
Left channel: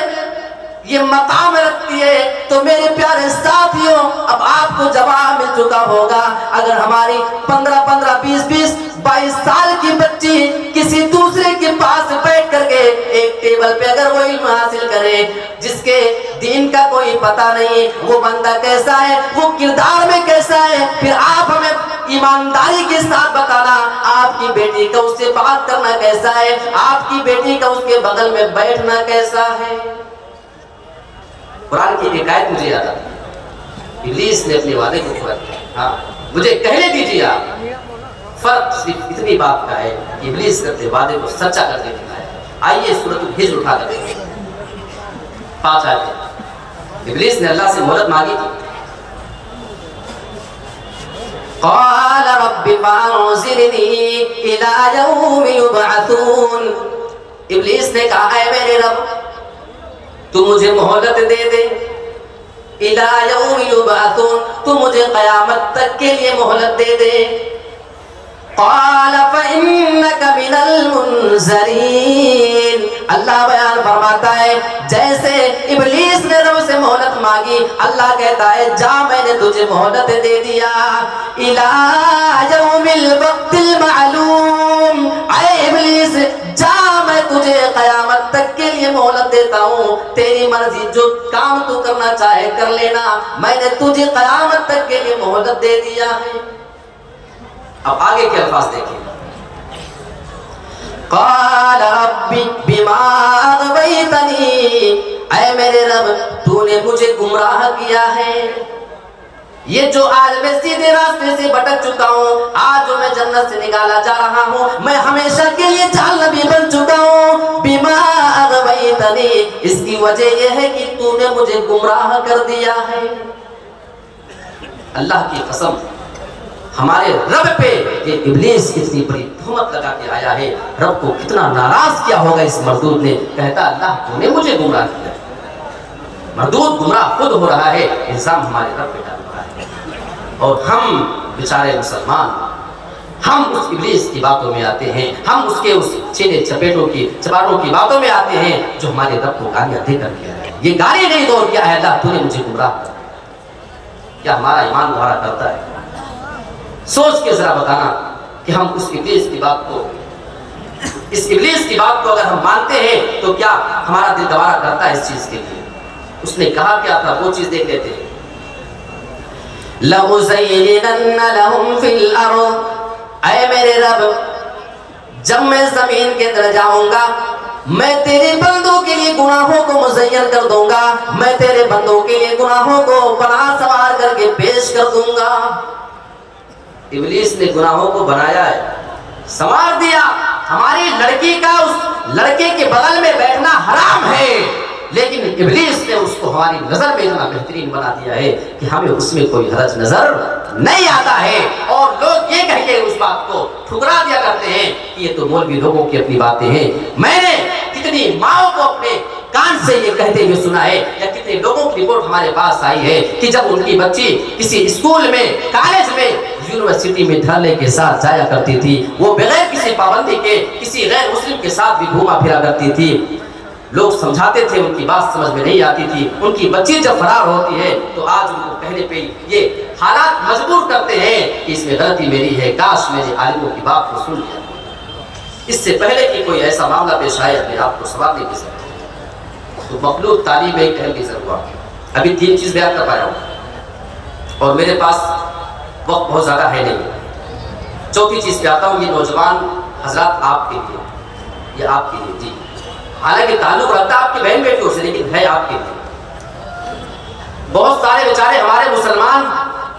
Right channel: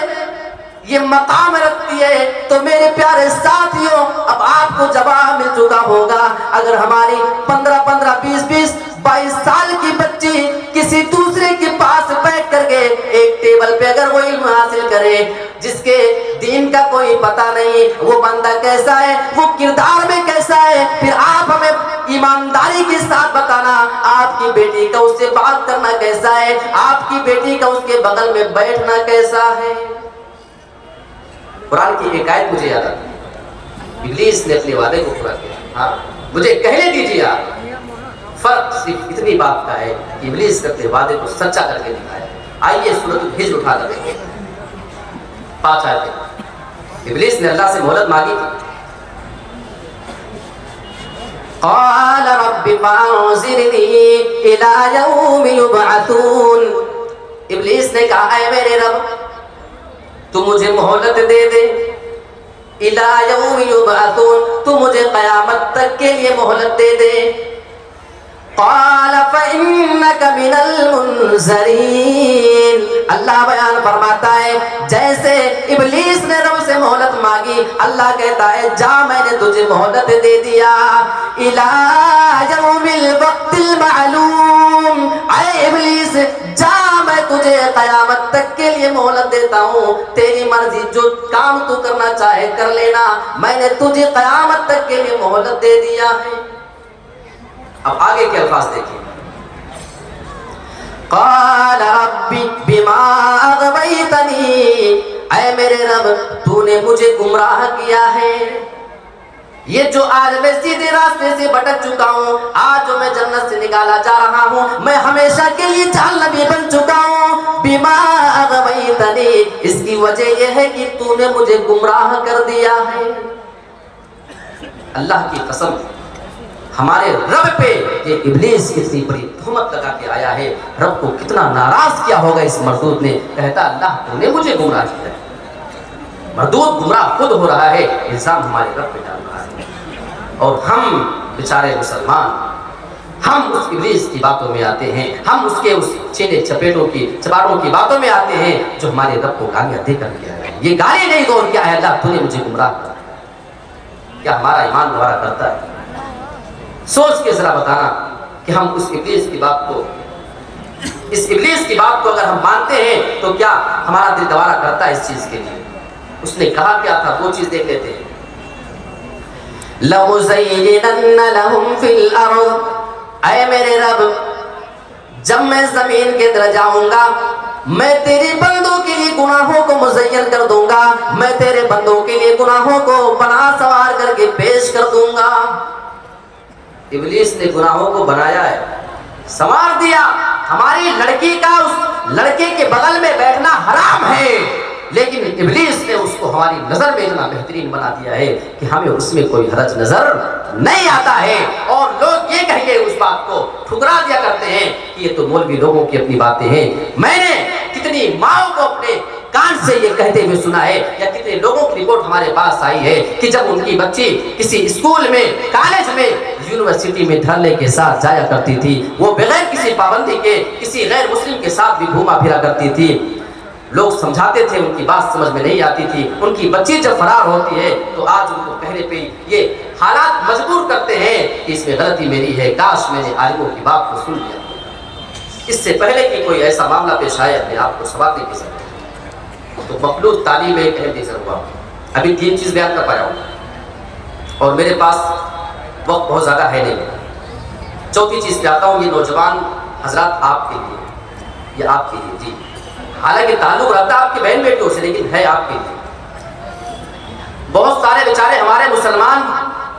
یہ مقام رکھتی ہے تو میرے پیارے ساتھیوں، اب آپ کو جواب مل چکا ہوگا. اگر ہماری 15 20 22 سال کی بچی کسی دوسرے کے پاس بیٹھ کر کے ایک ٹیبل پہ اگر وہ علم حاصل کرے، جس کے دین کا کوئی پتہ نہیں، وہ بندہ کیسا ہے، وہ کردار میں کیسا ہے، پھر آپ ہمیں ایمانداری کے ساتھ بتانا آپ کی بیٹی کا اس سے بات کرنا کیسا ہے، آپ کی بیٹی کا اس کے بغل میں بیٹھنا کیسا ہے. قرآن کی ایک آیت مجھے یاد آتی ہے، ابلیس نے اپنے وعدے کو پورا کیا. ہاں مجھے کہنے دیجیے آپ، فرق صرف اتنی بات کا ہے کہ ابلیس کرتے وعدے کو سچا کر کے دکھایا. آئیے سورۃ الحجر اٹھا کر دیکھیں، 5 آیتیں. ابلیس نے اللہ سے مہلت مانگی تھی. قال رب فانظرنی الی یوم یبعثون، ابلیس نے کہا اے میرے رب تو مجھے مہلت دے دے، الی یوم یبعثون، تو مجھے قیامت تک کے لیے مہلت دے دے. قال فإنك من المنذرین، اللہ بیان فرماتا ہے جیسے ابلیس نے رب سے مہلت مانگی، اللہ کہتا ہے جا میں نے تجھے مہلت دے دیا. الی یوم الوقت المعلوم، اے ابلیس جا میں تجھے قیامت تک کے لیے مہلت دیتا ہوں، تیری مرضی، جو کام تو کرنا چاہے کر لینا، میں نے تجھے قیامت تک کے لیے مہلت دے دیا ہے. اب آگے کے الفاظ دیکھیں. قال رب بما اغویتنی، اے میرے رب تو نے مجھے گمراہ کیا ہے، یہ جو آج میں سیدھے راستے سے بھٹک چکا ہوں، آج جو میں جنت سے نکالا جا رہا ہوں، میں ہمیشہ کے لیے جہنمی بن چکا ہوں. بما اغویتنی، اس کی وجہ یہ ہے کہ تو نے مجھے گمراہ کر دیا ہے. اللہ کی قسم، ہمارے رب پہ یہ ابلیس اتنی بڑی تہمت لگا کے آیا ہے، رب کو کتنا ناراض کیا ہوگا اس مردود نے. کہتا اللہ تو نے مجھے گمراہ کیا. مردود گمراہ خود ہو رہا ہے، الزام ہمارے رب پہ ڈال رہا ہے. اور ہم بیچارے مسلمان، ہم اس ابلیس کی باتوں میں آتے ہیں، ہم اس کے اس چھیلے چپیٹوں کی چپاڑوں کی باتوں میں آتے ہیں جو ہمارے رب کو گالیاں دے کر کیا ہے. یہ گالی نہیں دور کیا ہے اللہ تو نے مجھے گمراہ کیا. کیا ہمارا ایمان گوارا کرتا ہے؟ سوچ کے ذرا بتانا کہ ہم اس ابلیس کی بات کو، اس ابلیس کی بات کو اگر ہم مانتے ہیں تو کیا ہمارا دل گوارا کرتا ہے اس چیز کے لیے؟ اس نے کہا کیا تھا وہ چیز دیکھ لیتے ہیں. لَمُزَيِّنَنَّ لَهُمْ فِي الْأَرْضِ، اے میرے رب جب میں زمین کے اندر جاؤں گا میں تیرے بندوں کے لیے گناہوں کو مزین کر دوں گا، میں تیرے بندوں کے لیے گناہوں کو بنا سوار کر کے پیش کر دوں گا. ابلیس نے گناہوں کو بنایا ہے، سنوار دیا. ہماری لڑکی کا اس لڑکے کے بغل میں بیٹھنا حرام ہے، لیکن ابلیس نے اس کو ہماری نظر میں اتنا بہترین بنا دیا ہے کہ ہمیں اس میں کوئی حرج نظر نہیں آتا ہے. اور لوگ یہ کہہ کے اس بات کو ٹھکرا دیا کرتے ہیں کہ یہ تو مولوی لوگوں کی اپنی باتیں ہیں. میں نے کتنی ماؤں کو اپنے کان سے یہ کہتے ہوئے سنا ہے، یا کتنے لوگوں کی رپورٹ ہمارے پاس آئی ہے کہ جب ان کی بچی کسی اسکول میں، کالج میں، یونیورسٹی میں دھرنے کے ساتھ جایا کرتی تھی، وہ بغیر کسی پابندی کے کسی غیر مسلم کے ساتھ بھی گھوما پھرا کرتی تھی. لوگ سمجھاتے تھے، ان کی بات سمجھ میں نہیں آتی تھی. ان کی بچی جب فرار ہوتی ہے تو آج ان کو کہنے پہ یہ حالات مجبور کرتے ہیں کہ اس میں غلطی میری ہے، کاش میں نے عالموں کی بات کو سن لیا. اس سے پہلے کہ کوئی ایسا معاملہ پیش آئے اپنے آپ کو سوال نہیں کر سکتے. تو مخلوط تعلیم ایک اہم چیز ہوا. ابھی 3 چیز بیان کر پایا ہوں اور میرے پاس وقت بہت زیادہ ہے نہیں. 4تھی چیز پہ آتا ہوں. یہ نوجوان حضرات آپ کے لیے، یہ آپ کے لیے، جی حالانکہ تعلق رکھتا آپ کی بہن بیٹیوں سے، لیکن ہے آپ کے لیے. بہت سارے بیچارے ہمارے مسلمان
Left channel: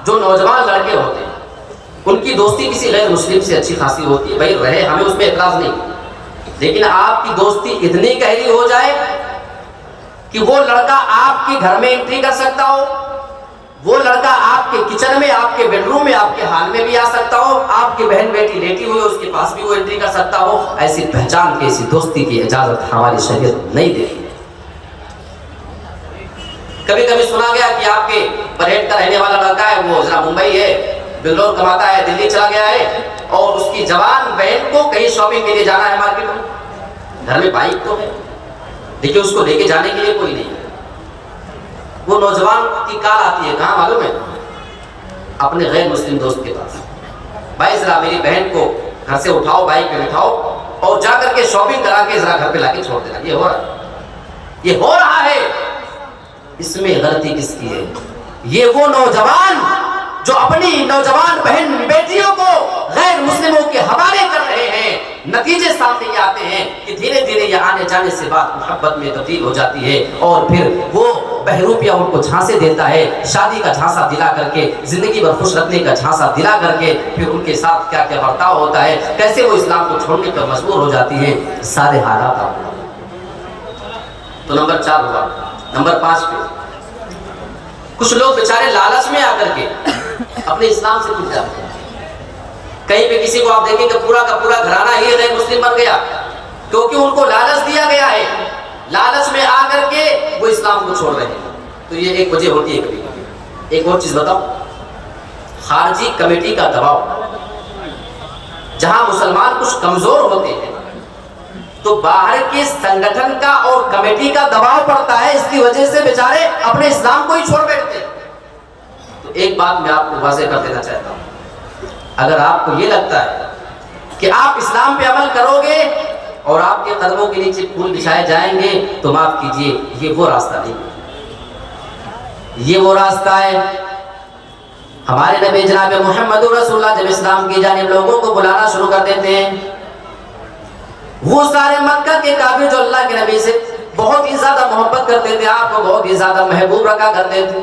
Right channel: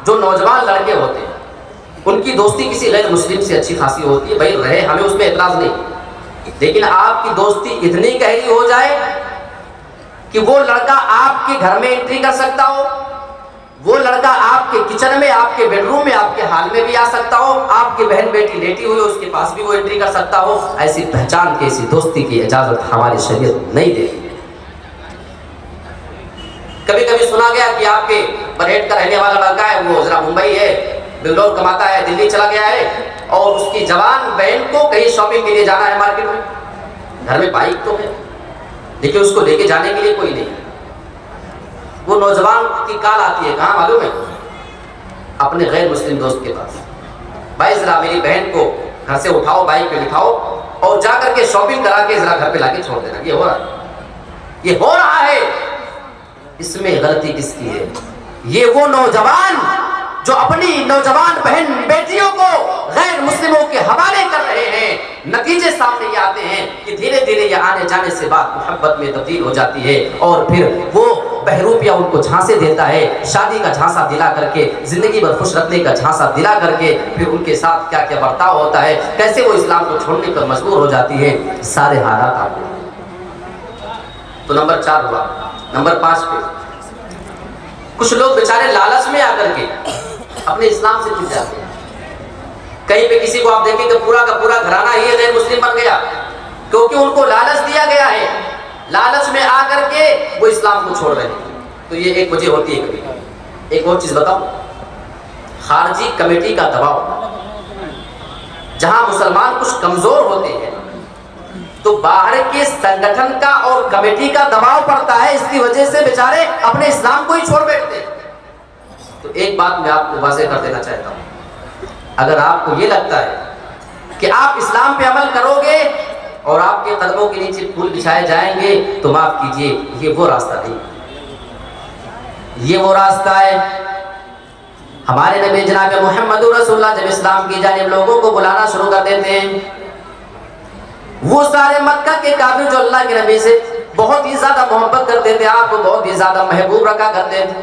جو نوجوان لڑکے ہوتے ہیں، ان کی دوستی کسی غیر مسلم سے اچھی خاصی ہوتی ہے، بھائی رہے، ہمیں اس میں اعتراض نہیں، لیکن آپ کی دوستی اتنی گہری ہو جائے کہ وہ لڑکا آپ کے گھر میں انٹری کر سکتا ہو، وہ لڑکا آپ کے کچن میں، آپ کے بیڈ روم میں، آپ کے ہال میں بھی آ سکتا ہو، آپ کی بہن بیٹی لیٹی ہوئی اس کے پاس بھی وہ انٹری کر سکتا ہو. ایسی پہچان کی، ایسی دوستی کی اجازت ہماری شریعت نہیں دیتی. کبھی کبھی سنا گیا کہ آپ کے برہیٹ کا رہنے والا لڑکا ہے، وہ ذرا ممبئی ہے، بنگلور کماتا ہے، دلی چلا گیا ہے، اور اس کی جوان بہن کو کہیں شاپنگ کے لیے جانا ہے مارکیٹ میں. گھر میں بائک تو ہے لیکن اس کو لے کے جانے کے لیے کوئی نہیں ہے. وہ نوجوان کی کال آتی ہے، کہاں معلوم ہے؟ اپنے غیر مسلم دوست کے پاس. بھائی ذرا میری بہن کو گھر سے اٹھاؤ، بائک پہ بٹھاؤ اور جا کر کے شاپنگ کرا کے ذرا گھر پہ لا کے چھوڑ دینا. یہ ہو رہا ہے، یہ ہو رہا ہے. اس میں غلطی کس کی ہے؟ یہ وہ نوجوان جو اپنی نوجوان بہن بیٹیوں کو غیر مسلموں کے حوالے کر رہے ہیں. نتیجے سامنے یہ آتے ہیں کہ دھیرے دھیرے یہ آنے جانے سے بات محبت میں تبدیل ہو جاتی ہے، اور پھر وہ بہروپیہ ان کو جھانسے دیتا ہے، شادی کا جھانسا دلا کر کے، زندگی بھر خوش رکھنے کا جھانسا دلا کر کے، پھر ان کے ساتھ کیا کیا برتاؤ ہوتا ہے، کیسے وہ اسلام کو چھوڑنے پر مجبور ہو جاتی ہیں. سارے حالات آپ کو. تو نمبر 4 ہوا. نمبر 5 پہ کچھ لوگ بیچارے لالچ میں آ کر کے اپنے اسلام سے ٹوٹ جاتے ہیں. کہیں پہ کسی کو آپ دیکھیں کہ پورا کا پورا گھرانہ ہی غیر مسلم بن گیا، کیونکہ ان کو لالچ دیا گیا ہے. لالچ میں آ کر کے وہ اسلام کو چھوڑ رہے ہیں. تو یہ ایک وجہ ہوتی ہے. کبھی کبھی ایک اور چیز بتاؤ، خارجی کمیٹی کا دباؤ. جہاں مسلمان کچھ کمزور ہوتے ہیں تو باہر کے سنگٹھن کا اور کمیٹی کا دباؤ پڑتا ہے، اس کی وجہ سے بیچارے اپنے اسلام کو ہی چھوڑ بیٹھتے ہیں. تو ایک بات میں آپ کو واضح کر دینا چاہتا ہوں، اگر آپ کو یہ لگتا ہے کہ آپ اسلام پہ عمل کرو گے اور آپ کے قدموں کے نیچے پھول بچھائے جائیں گے تو معاف کیجئے، یہ وہ راستہ نہیں. یہ وہ راستہ ہے. ہمارے نبی جناب محمد رسول اللہ جب اسلام کی جانب لوگوں کو بلانا شروع کر دیتے ہیں، وہ سارے مکہ کے کافر جو اللہ کے نبی سے بہت ہی زیادہ محبت کرتے تھے، آپ کو بہت ہی زیادہ محبوب رکھا کرتے تھے،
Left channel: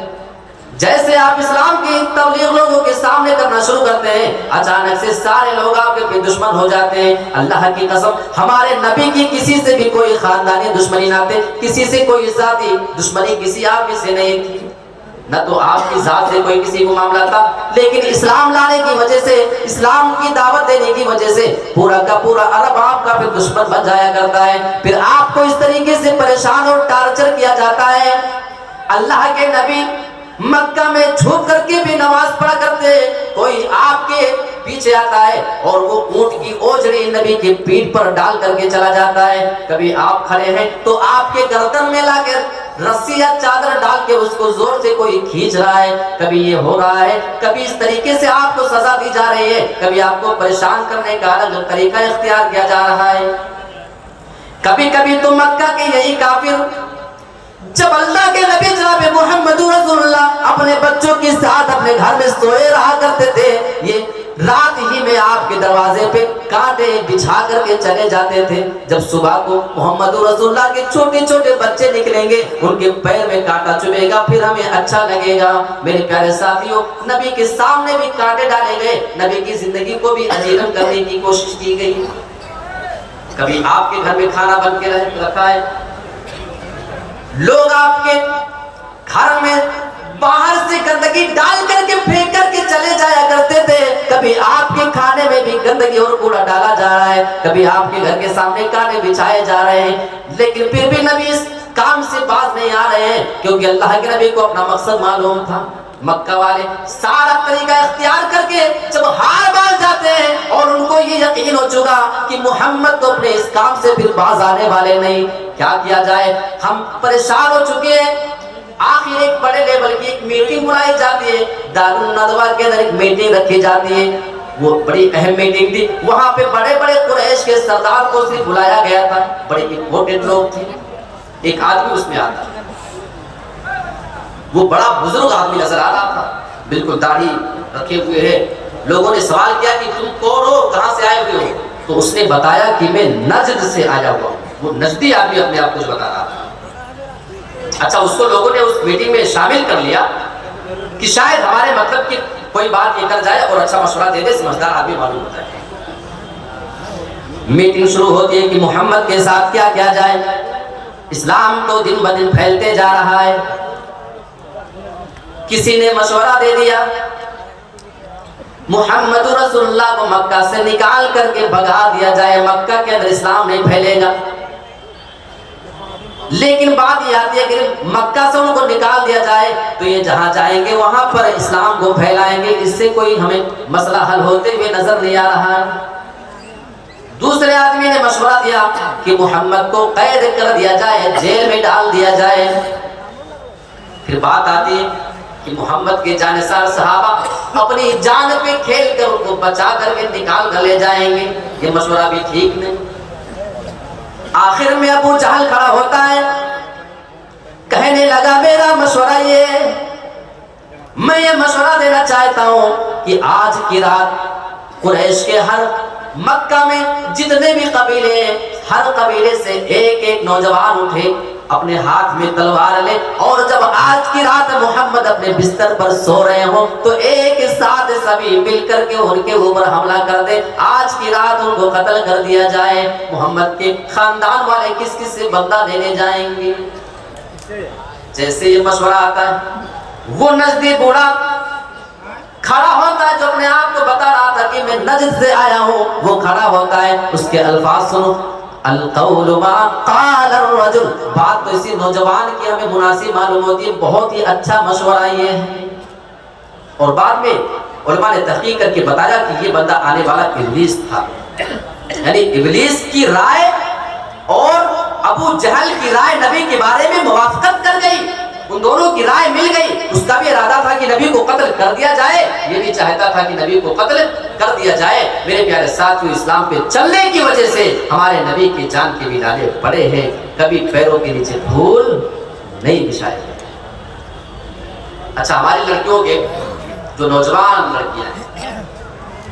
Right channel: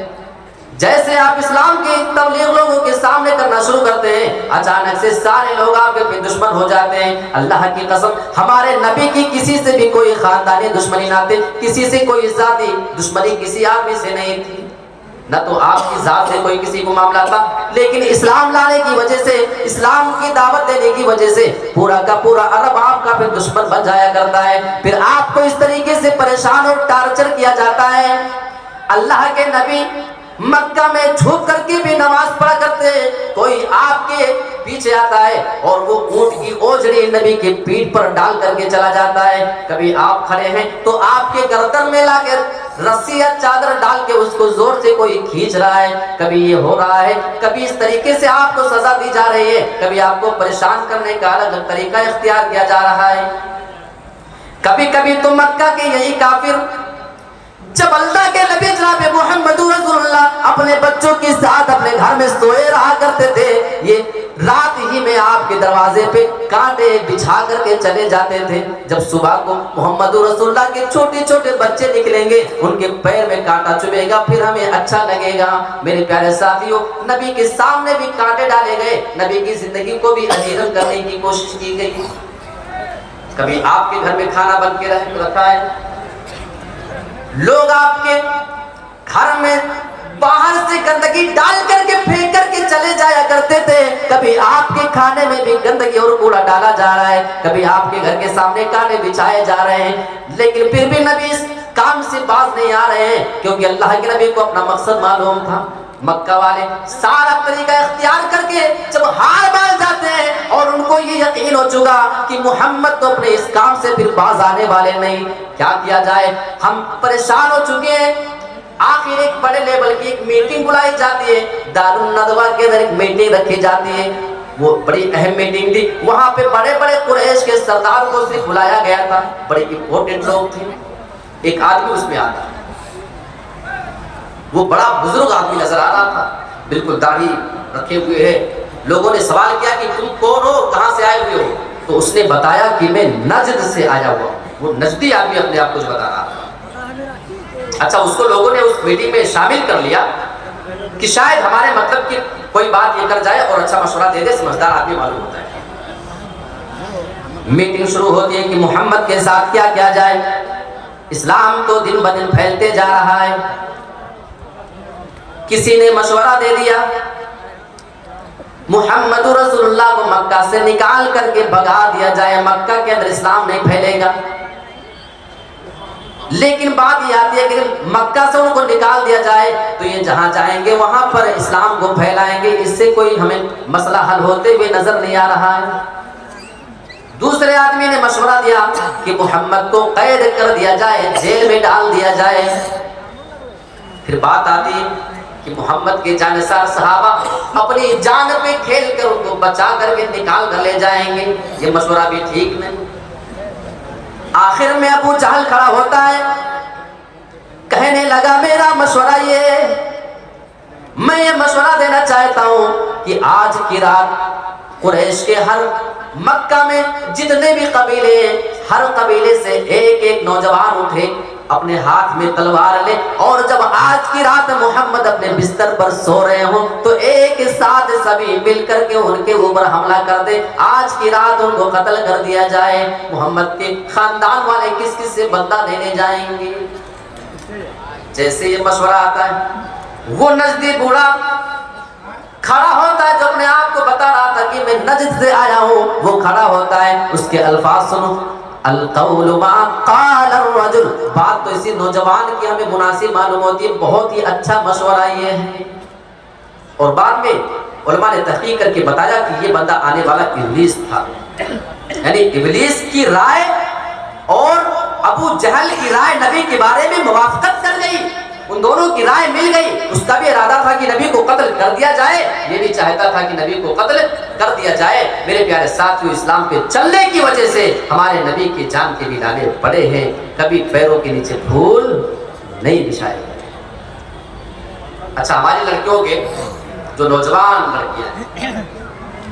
جیسے آپ اسلام کی تبلیغ لوگوں کے سامنے کرنا شروع کرتے ہیں، اچانک سے سارے لوگ آپ کے دشمن ہو جاتے ہیں. اللہ کی قسم ہمارے نبی کی کسی سے بھی کوئی خاندانی دشمنی نہ تھی، کسی سے کوئی ذاتی دشمنی کسی آدمی سے نہیں تھی، نہ تو آپ کی ذات سے کوئی کسی کو معاملہ تھا. لیکن اسلام لانے کی وجہ سے، اسلام کی دعوت دینے کی وجہ سے پورا کا پورا عرب آپ کا پھر دشمن بن جایا کرتا ہے. پھر آپ کو اس طریقے سے پریشان اور ٹارچر کیا جاتا ہے. اللہ کے نبی مکہ میں جھک کر کے بھی نماز پڑھا کرتے، کوئی آپ کے پیچھے آتا ہے اور وہ اونٹ کی اوجڑی نبی کی پیٹھ پر ڈال کر کے چلا جاتا ہے. کبھی آپ کھڑے ہیں تو آپ کے گردن میں لا کر رسی یا چادر ڈال کے اس کو زور سے کوئی کھینچ رہا ہے. کبھی یہ ہو رہا ہے، کبھی اس طریقے سے آپ کو سزا دی جا رہی ہے، کبھی آپ کو پریشان کرنے کا الگ طریقہ اختیار کیا جا رہا ہے. کبھی کبھی تو مکہ کے یہی کافر جب اللہ کے نبی جناب محمد رسول اللہ اپنے بچوں کے ساتھ اپنے گھر میں سوئے رہا کرتے تھے، یہ رات ہی میں آپ کے دروازے پہ کانٹے بچھا کر کے چلے جاتے تھے. جب صبح کو محمد رسول اللہ کے چھوٹے چھوٹے بچے نکلیں گے, ان کے پیر میں کانٹا چبھے گا, پھر ہمیں اچھا لگے گا. میرے پیارے ساتھیوں, نبی کے سامنے بھی کانٹے ڈالے گئے, نبی کی زندگی کو بھی اجیرن کرنے کی کوشش کی گئی. کبھی آپ کے گھر میں کھانا بن کے رکھا ہے, لوگ آپ کے گھر میں باہر سے گندگی ڈال کر کے پھینک کر کے چلے جایا کرتے تھے. کبھی آپ کے کھانے میں بھی گندگی اور کوڑا ڈالا جا رہا ہے, کبھی آپ کے گھر کے سامنے کانٹے بچھائے جا رہے ہیں, لیکن پھر بھی نبی اس کام سے باز نہیں آ رہے ہیں, کیونکہ اللہ کے نبی کو اپنا مقصد معلوم تھا. مکہ والے سارا طریقہ اختیار کر کے جب ہار باز جاتے ہیں اور ان کو یہ یقین ہو چکا کہ محمد تو اپنے اس کام سے پھر باز آنے والے نہیں, کیا کیا جائے, ہم پریشان ہو چکے ہیں. آخر ایک بڑے لیول کی ایک میٹنگ بلائی جاتی ہے, دار الندوہ کے اندر ایک میٹنگ رکھی جاتی ہے. وہ بڑی اہم میٹنگ تھی, وہاں پہ بڑے بڑے قریش کے سردار کو صرف بلایا گیا تھا, بڑے امپورٹنٹ لوگ تھے. ایک آدمی اس میں آتا ہے, وہ بڑا بزرگ آدمی نظر آ رہا تھا, بالکل داڑھی رکھے ہوئے ہے. لوگوں نے سوال کیا کہ تم کون ہو, کہاں سے آئے ہوئے ہو؟ تو اس نے بتایا کہ میں نجد سے آیا ہوا ہوں. وہ نجدی آدمی اپنے آپ کو بتا رہا تھا. اچھا, اس کو لوگوں نے اس میٹنگ میں شامل کر لیا کہ شاید ہمارے مطلب کی کوئی بات یہ کر جائے اور اچھا مشورہ دے دے, سمجھدار آدمی معلوم ہوتا ہے. میٹنگ شروع ہوتی ہے کہ محمد کے ساتھ کیا کیا جائے, اسلام تو دن بدن پھیلتے جا رہا ہے. کسی نے مشورہ دے دیا محمد رسول اللہ کو مکہ سے نکال کر کے بھگا دیا جائے, مکہ کے اندر اسلام نہیں پھیلے گا. لیکن بات یہ آتی ہے کہ مکہ سے ان کو نکال دیا جائے تو یہ جہاں جائیں گے وہاں پر اسلام کو پھیلائیں گے, اس سے کوئی ہمیں مسئلہ حل ہوتے ہوئے نظر نہیں آ رہا ہے. دوسرے آدمی نے مشورہ دیا کہ محمد کو قید کر دیا جائے, جیل میں ڈال دیا جائے. پھر بات آتی ہے کہ محمد کے جانثار صحابہ اپنی جان پہ کھیل کر ان کو بچا کر کے نکال کر لے جائیں گے, یہ مشورہ بھی ٹھیک نہیں. آخر میں ابو جہل کھڑا ہوتا ہے, کہنے لگا میرا مشورہ یہ, میں یہ مشورہ دینا چاہتا ہوں کہ آج کی رات قریش کے ہر مکہ میں جتنے بھی قبیلے, ہر قبیلے سے ایک ایک نوجوان اٹھے, اپنے ہاتھ میں تلوار لے, اور جب آج کی رات محمد اپنے بستر پر سو رہے ہوں تو ایک ساتھ سبھی مل کر کے ان کے اوپر حملہ کر دیں, آج کی رات ان کو قتل کر دیا جائے. محمد کے خاندان والے کس کس سے بدلہ دینے جائیں گے. جیسے یہ مشورہ آتا ہے, وہ نزدیک بوڑھا کھڑا ہوتا ہے جو اپنے آپ کو بتا رہا تھا کہ میں نجد سے آیا ہوں, وہ کھڑا ہوتا ہے. اس کے الفاظ سنو, القول ما قال الرجل, بات تو اسی نوجوان کی ہمیں مناسب معلوم ہوتی ہے, بہت ہی اچھا مشورہ یہ ہے. اور بعد میں علماء نے تحقیق کر کے بتایا کہ یہ بندہ آنے والا ابلیس تھا, یعنی ابلیس کی رائے اور ابو جہل کی رائے نبی کے بارے میں موافقت کر گئی, ان دونوں کی رائے مل گئی. اس کا بھی ارادہ تھا کہ نبی کو قتل کر دیا جائے, یہ بھی چاہتا تھا کہ نبی کو قتل کر دیا جائے. میرے پیارے ساتھیوں, اسلام پہ چلنے کی وجہ سے ہمارے نبی کی جان کے بھی لانے پڑے ہیں, کبھی پیروں کے نیچے دھول نہیں بچھائے. اچھا, ہماری لڑکیوں کے جو نوجوان لڑکیاں ہیں,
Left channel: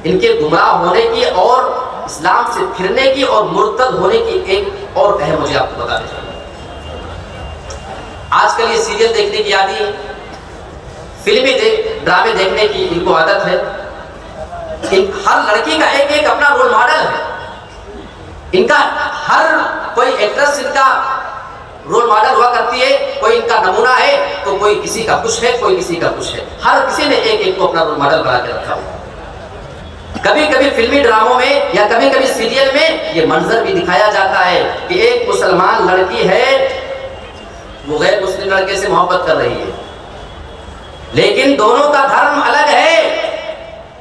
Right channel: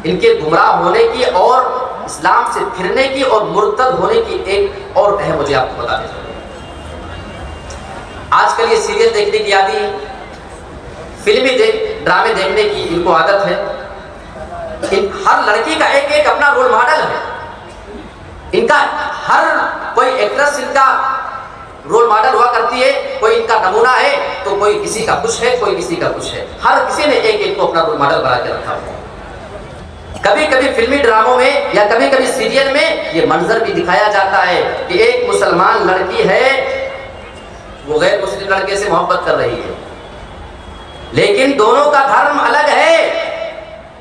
ان کے گمراہ ہونے کی اور اسلام سے پھرنے کی اور مرتد ہونے کی ایک اور اہم مجھے آپ کو بتانا چاہیے. آج کل یہ سیریل دیکھنے کی عادی ہے, فلمی ڈرامے دیکھنے کی ان کو عادت ہے. ہر لڑکی کا ایک ایک اپنا رول ماڈل ہے, ان کا ہر کوئی ایکٹریس ان کا رول ماڈل ہوا کرتی ہے, کوئی ان کا نمونہ ہے تو کوئی کسی کا کچھ ہے, کوئی کسی کا کچھ ہے. ہر کسی نے ایک ایک کو اپنا رول ماڈل بنا کے رکھا ہوا. کبھی کبھی فلمی ڈراموں میں یا کبھی کبھی سیریل میں یہ منظر بھی دکھایا جاتا ہے کہ ایک مسلمان لڑکی ہے, وہ غیر مسلم لڑکے سے محبت کر رہی ہے, لیکن دونوں کا دھرم الگ ہے,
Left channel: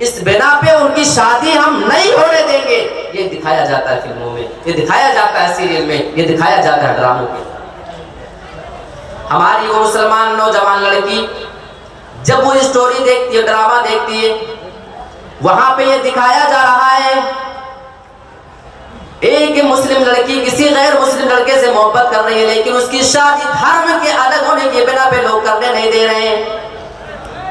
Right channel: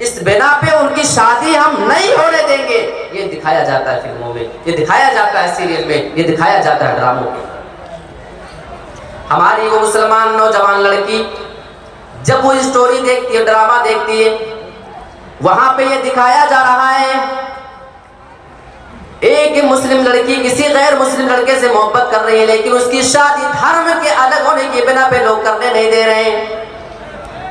اس بنا پہ ان کی شادی ہم نہیں ہونے دیں گے. یہ دکھایا جاتا ہے فلموں میں, یہ دکھایا جاتا ہے سیریل میں, یہ دکھایا جاتا ہے ڈراموں میں. ہماری وہ مسلمان نوجوان لڑکی جب وہ اسٹوری دیکھتی ہے, ڈرامہ دیکھتی ہے, وہاں پہ یہ دکھایا جا رہا ہے ایک مسلم لڑکی کسی غیر مسلم لڑکے سے محبت کر رہی ہے, لیکن اس کی شادی دھرم کے الگ ہونے کی بنا پہ لوگ کرنے نہیں دے رہے ہیں.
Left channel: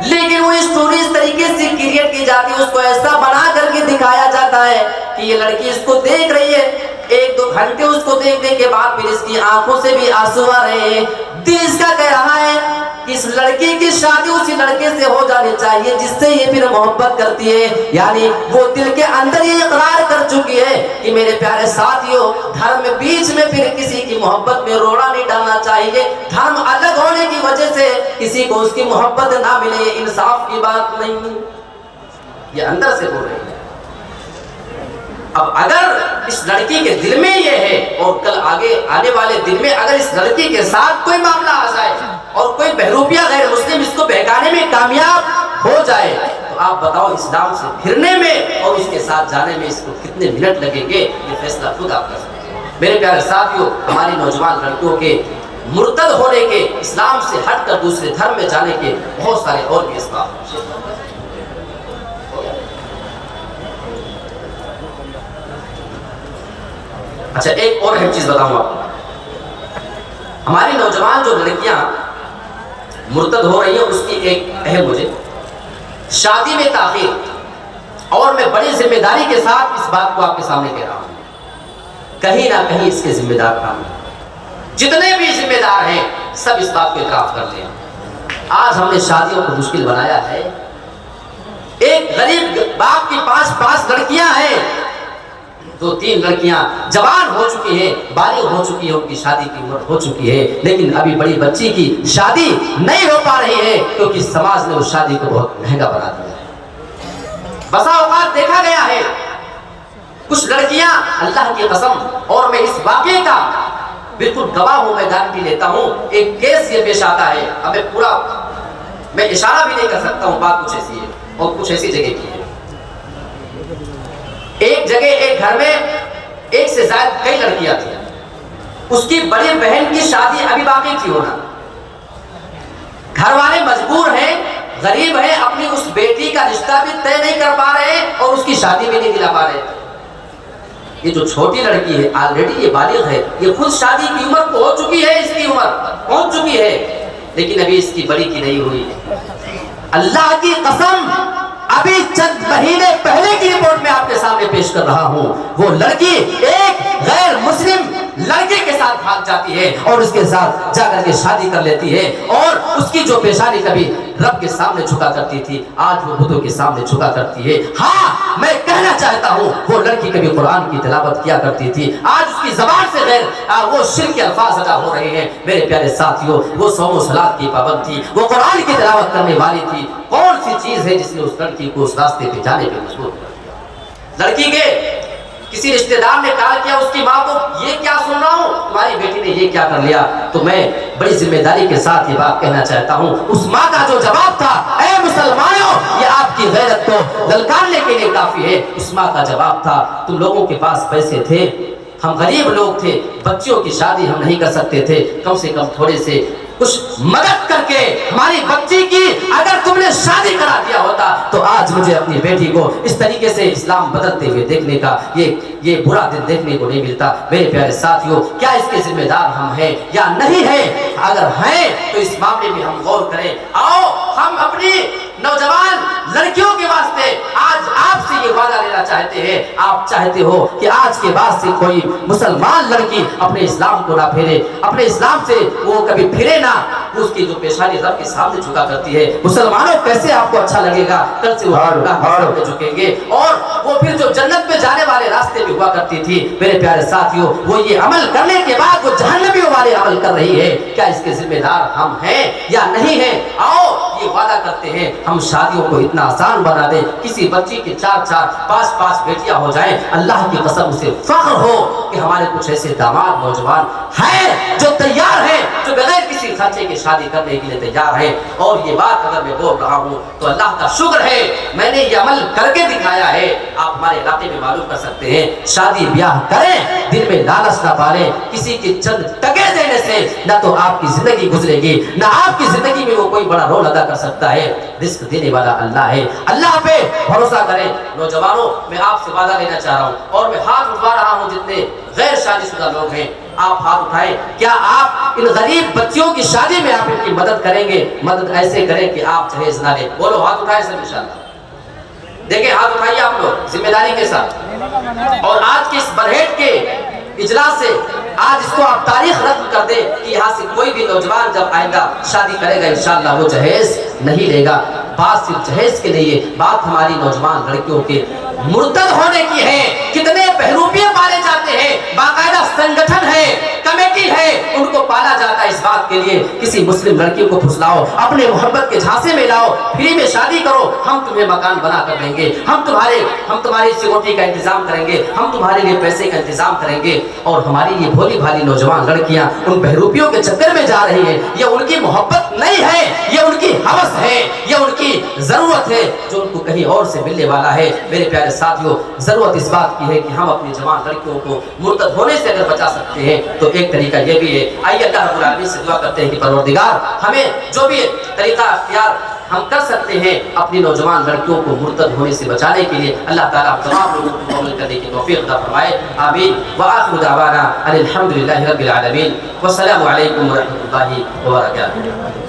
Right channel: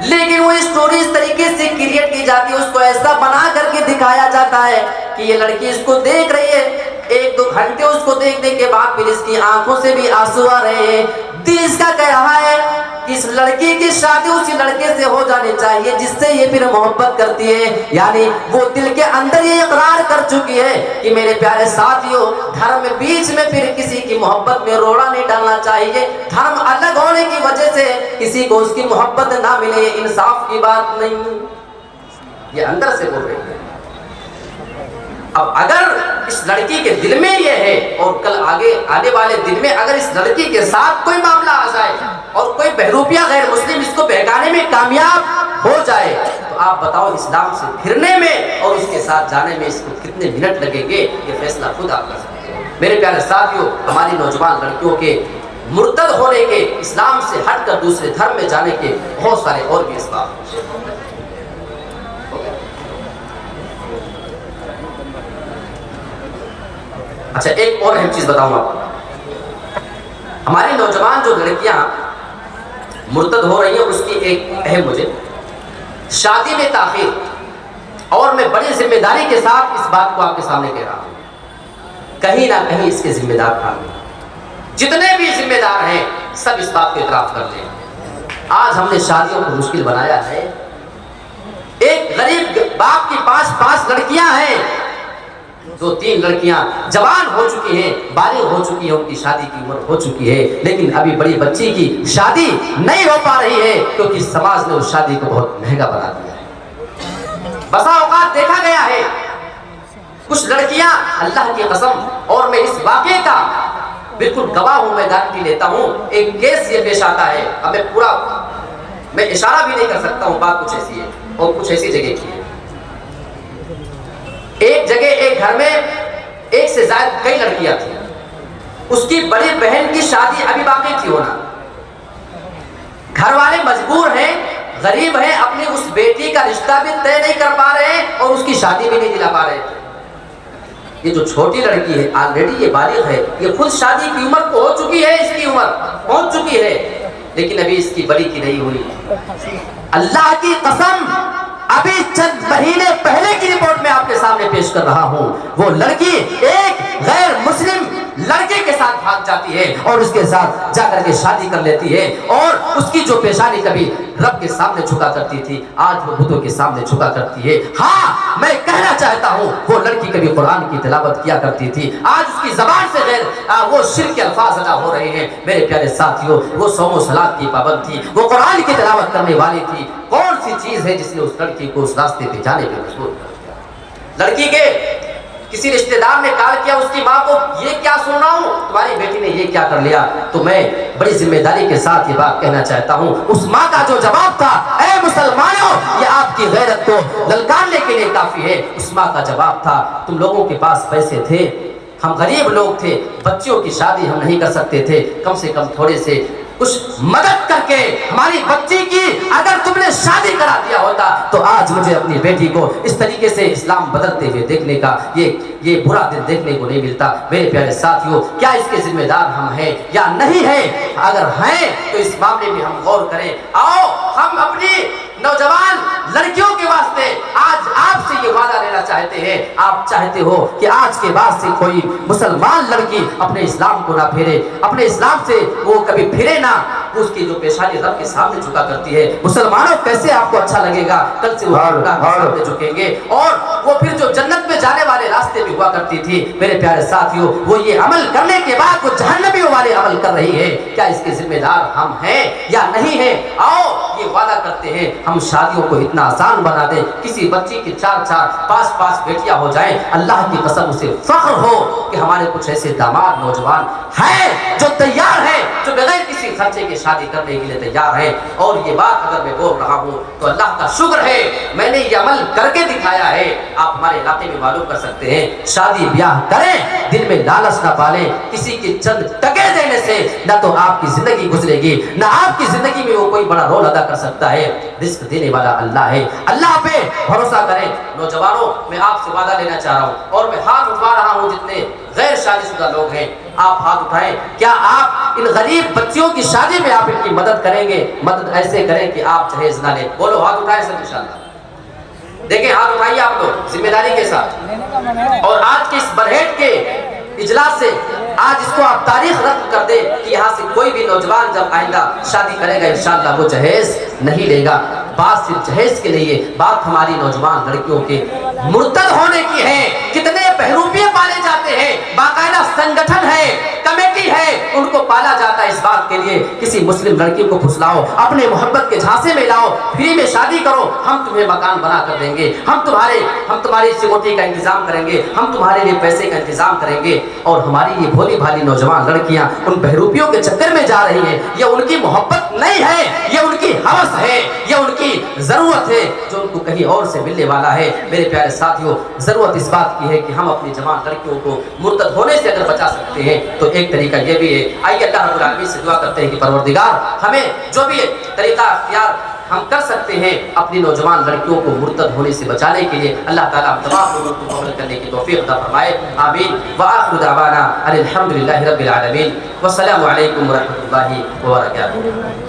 لیکن وہ اسٹوری اس طریقے سے کریٹ کی جاتی ہے، اس کو ایسا بنا کر کے دکھایا جاتا ہے کہ یہ لڑکی اس کو دیکھ رہی ہے، 1-2 گھنٹے اس کو دیکھنے کے بعد پھر اس کی آنکھوں سے بھی آنسو آ رہے ہیں، دل اس کا کہہ رہا ہے کہ اس لڑکی کی شادی اسی لڑکے سے ہو جانی چاہیے جس سے یہ پھر محبت کرتی ہے۔ یعنی وہ دل کے اندر یہ اقرار کر چکی ہے کہ میرے پیارے ساتھیوں، دھرم میں بیچ میں پھر کسی کی محبت میں روڑا نہیں ڈالنا چاہیے، دھرم الگ ہونے کی وجہ سے کسی کو اس کی محبت نہ ملے، یہ انصاف کی بات نہیں، یہ اندر سے بول رہے ہیں۔ اب اگر اس لڑکی کے دل میں یہ ہے اور کل آگے آنے والے دن میں اگر اس لڑکی کے ساتھ کوئی معاملہ آ جائے اور کوئی بہروپیہ غیر مسلم اس کو بہکانے میں کامیاب ہو جائے تو آپ بتاؤ اسلام سے پھرنے میں اور اس کے ساتھ جانے میں اس کو کتنے منٹ لگیں گے؟ یہ فیصلہ خود آپ کر سکتے ہیں۔ میرے پیارے ساتھیوں، ہماری نوجوان لڑکیوں کے مرتد ہونے کے، اسلام سے ہٹ کر دوسرے دھرم میں جانے کے بہت سارے اور بھی اسباب ہیں۔ اچھا، ایک اور اہم چیز بتاؤں آپ کو، ہماری نوجوان جو لڑکیاں مرتد ہو رہی ہیں اس کی ایک اہم وجہ شادی میں تاخیر، اور میں بڑی ذمہ داری کے ساتھ اس بات کو آپ کے سامنے کہہ رہا ہوں، کہیں نہ کہیں اس کے ذمہ دار ہم ہیں، جتنے بھی ذمہ دار ہیں سب اس بات کو اعتراف کر لیں۔ آج ہم نے شادیوں کو مشکل بنایا ہے، ایک غریب باپ کی 5 لڑکیاں ہیں، 2-3 لڑکیاں جوان ہو چکی ہیں، بالغ ہو چکی ہیں، ان کی شادی کی عمر ہو چکی ہے، لیکن ابھی بڑی بچی کی شادی نہیں ہو پا رہی ہے کیونکہ سماج نے اس شادی کو بہت مہنگا بنا دیا ہے۔ بسا اوقات دیکھا گیا ہے کچھ لڑکیاں، اللہ کی قسم، اور میں اس واقعے کا بالکل گواہ ہوں، میں گارنٹی لیتا ہوں، ایک کیس یہ پیش آتا ہے، ہمیں پورا میں اشارہ بھی نہیں کر سکتا ہوں، بات کچھ ایسی ہے اور کچھ ایسی جگہ کی ہے۔ ایک جگہ ایک گھر میں 1 سے زائد کئی لڑکیاں تھیں، اس کی بڑی بہن کی شادی ابھی باقی تھی ہونا، گھر والے مجبور ہیں، غریب ہیں، اپنی اس بیٹی کا رشتہ بھی طے نہیں کر پا رہے ہیں اور اس کی شادی بھی نہیں دلا پا رہے تھے۔ یہ جو چھوٹی لڑکی ہے آلریڈی یہ بالغ ہے، یہ خود شادی کی عمر کو ہو چکی ہے، اس کی عمر پہنچ چکی ہے، لیکن ابھی اس کی بڑی کی نہیں ہوئی۔ اللہ کی قسم، ابھی چند مہینے پہلے کی رپورٹ میں آپ کے سامنے پیش کر رہا ہوں، وہ لڑکی ایک غیر مسلم لڑکے کے ساتھ بھاگ جاتی ہے اور اس کے ساتھ جا کر کے شادی کر لیتی ہے، اور اس کی جو پیشانی کبھی رب کے سامنے جھکا کرتی تھی آج وہ بتوں کے سامنے جھکا کرتی ہے۔ ہاں، میں کہنا چاہتا ہوں وہ لڑکی کبھی قرآن کی تلاوت کیا کرتی تھی، آج اس کی زبان سے غیر وہ شرک کے الفاظ ادا ہو رہے ہیں۔ میرے پیارے ساتھیوں، وہ صوم و صلاۃ کی پابند تھی، وہ قرآن کی تلاوت کرنے والی تھی، کون سی چیز ہے جس نے اس لڑکی کو اس راستے پہ جانے پہ مجبور کیا؟ لڑکی کے کسی رشتہ دار نے کہا کیا اس کی ماں کو، یہ کیا سن رہا ہوں، تمہاری بیٹی نے یہ کیا کر لیا؟ تو میں بڑی ذمہ داری کے ساتھ یہ بات کہنا چاہتا ہوں، اس ماں کا جو جواب تھا، اے مسلمانوں، یہ آپ کی غیرت کو للکارنے کے لیے کافی ہے، اس ماں کا جواب تھا، تم لوگوں کے پاس پیسے تھے، ہم غریب لوگ تھے، بچیوں کی شادی ہم نہیں کر سکتے تھے، کم سے کم تھوڑے سے کچھ مدد کر کے ہماری بچی کی اگر تم نے شادی کرا دیا ہوتا تو آج مجھے اپنی بیٹی کو اس طریقے سے اسلام بدلتے ہوئے دیکھنے کا یہ برا دن دیکھنے کو نہیں ملتا۔ میرے پیارے ساتھیوں، کیا اس کے ذمہ دار ہم ہیں یا نہیں ہیں؟ اگر ہیں تو اس معاملے میں ہم غور کریں۔ آؤ ہم اپنی نوجوان لڑکیوں کے واسطے آج آپ سے یہ وعدہ لینا چاہتے ہیں، آپ چاہتے ہو کہ آج کے بعد سے کوئی مسلمان لڑکی اپنے اسلام کو نہ پھیرے، اپنے اسلام سے وہ کبھی پھرے نہ، اس کی جو پیشانی رب کے سامنے جھکا کرتی ہے۔ مسلمانوں کیسے آپ کو اچھا لگے گا؟ کل سے وہ اللہ کے سامنے جھکیں گے اور وہ پھر جو جنت میں جانے والے راستے پہ ہوا کرتی تھی، میرے پیارے ساتھیوں، وہ یہ عمل کرنے کے بعد وہ جہنمیوں والے عمل کر رہی ہے۔ کیا اس کے ذمہ دار ہم ہیں یا نہیں ہیں؟ آؤ یہ وعدہ کرتے ہیں ہم شادیوں کو اتنا آسان بنا دیں، کسی بچی کی 4-4 5-5 بیٹیاں ہو جائیں، اللہ کی قسم اسے فخر ہو کہ ہمارے کچھ ایسے داماد نوجوان ہیں جو تیار ہیں، جو بغیر کسی خرچے کے شادی کرنے کے لیے تیار ہے۔ اور یہ بات اگر میں بول رہا ہوں تو اللہ کا شکر ہے میں نے یہ عمل کر کے دکھایا ہے۔ آپ ہمارے علاقے میں معلوم کر سکتے ہیں، شادی بیاہ کریں، دل میں لالچ نہ پالیں، کسی کی چند ٹکے دینے سے نہ تو آپ کی زندگی گزرے گی، نہ آپ کی زندگی میں وہ کوئی بڑا رول ادا کر سکتا ہے۔ رزق دینے والا اللہ ہے، اللہ پہ بھروسہ کریں۔ نوجوانوں، میں آپ سے وعدہ لینا چاہ رہا ہوں اور میں ہاتھ اٹھوا رہا ہوں جتنے غیر شادی شدہ لوگ ہیں، آپ ہاتھ اٹھائیں. کیا آپ ان غریب بچیوں کی شادی میں آپ ان کی مدد کریں گے؟ مدد ایسے کریں کہ آپ جہیز نہ لیں. بولو ہاتھ اٹھائیں سب انشاءاللہ. دیکھیں ہاتھ اٹھائیے آپ لوگ ذمہ داری کے ساتھ. اور آج کے اس برہیٹ کے اجلاس سے آج اس کو آپ تاریخ رقم کر دیں کہ یہاں سے کوئی بھی نوجوان جب آئے گا شادی کرے گا انشاءاللہ وہ جہیز نہیں لے گا. بات صرف جہیز کے لیے، بات ہماری نوجوان لڑکیوں کے مرتد ہونے کی ہے. کتنے بہروپیے پالے جاتے ہیں، باقاعدہ سنگٹھن ہے، کمیٹی ہے، ان کو پالا جاتا ہے اس بات کے لیے کسی مسلم لڑکی کو پھسلاؤ، اپنے محبت کے جھانسے میں لاؤ، فری میں شادی کرو، ہم تمہیں مکان بنا کر دیں گے، ہم تمہاری سیکورٹی کا انتظام کریں گے، ہم تمہارے لیے پیسے کا انتظام کریں گے. اور ہماری یہ بھولی بھالی نوجوان لڑکیاں ان بہروپیوں کے چکر میں جا رہی ہیں. یہ ان کی محبت نہیں ہے، یہ ان کی ہوس ہے، یہ ان کی ضرورت ہے جو ان کو کہیں اور سے ملنے والا ہے. میرے پیارے ساتھیوں، ضرورت اس بات کی ہے کہ ہم اپنی جوان لڑکیوں کو مرتد ہونے سے اگر بچا سکتے ہیں تو ایک طریقہ یہ بھی ہے. آئیے اللہ رب العالمین سے دعا کرتے ہیں کہ پروردگار ہمیں جو بھی طریقہ اختیار ہم کر سکتے ہیں اپنی نوجوان لڑکیوں کو مرتد ہونے سے بچانے کے لیے، اللہ تعالیٰ ہم تمام لوگوں کو عمل کرنے کی توفیق عطا فرمائے. آمین. وآخر دعوانا ان الحمد للہ رب العالمین. والسلام علیکم ورحمۃ اللہ وبرکاتہ.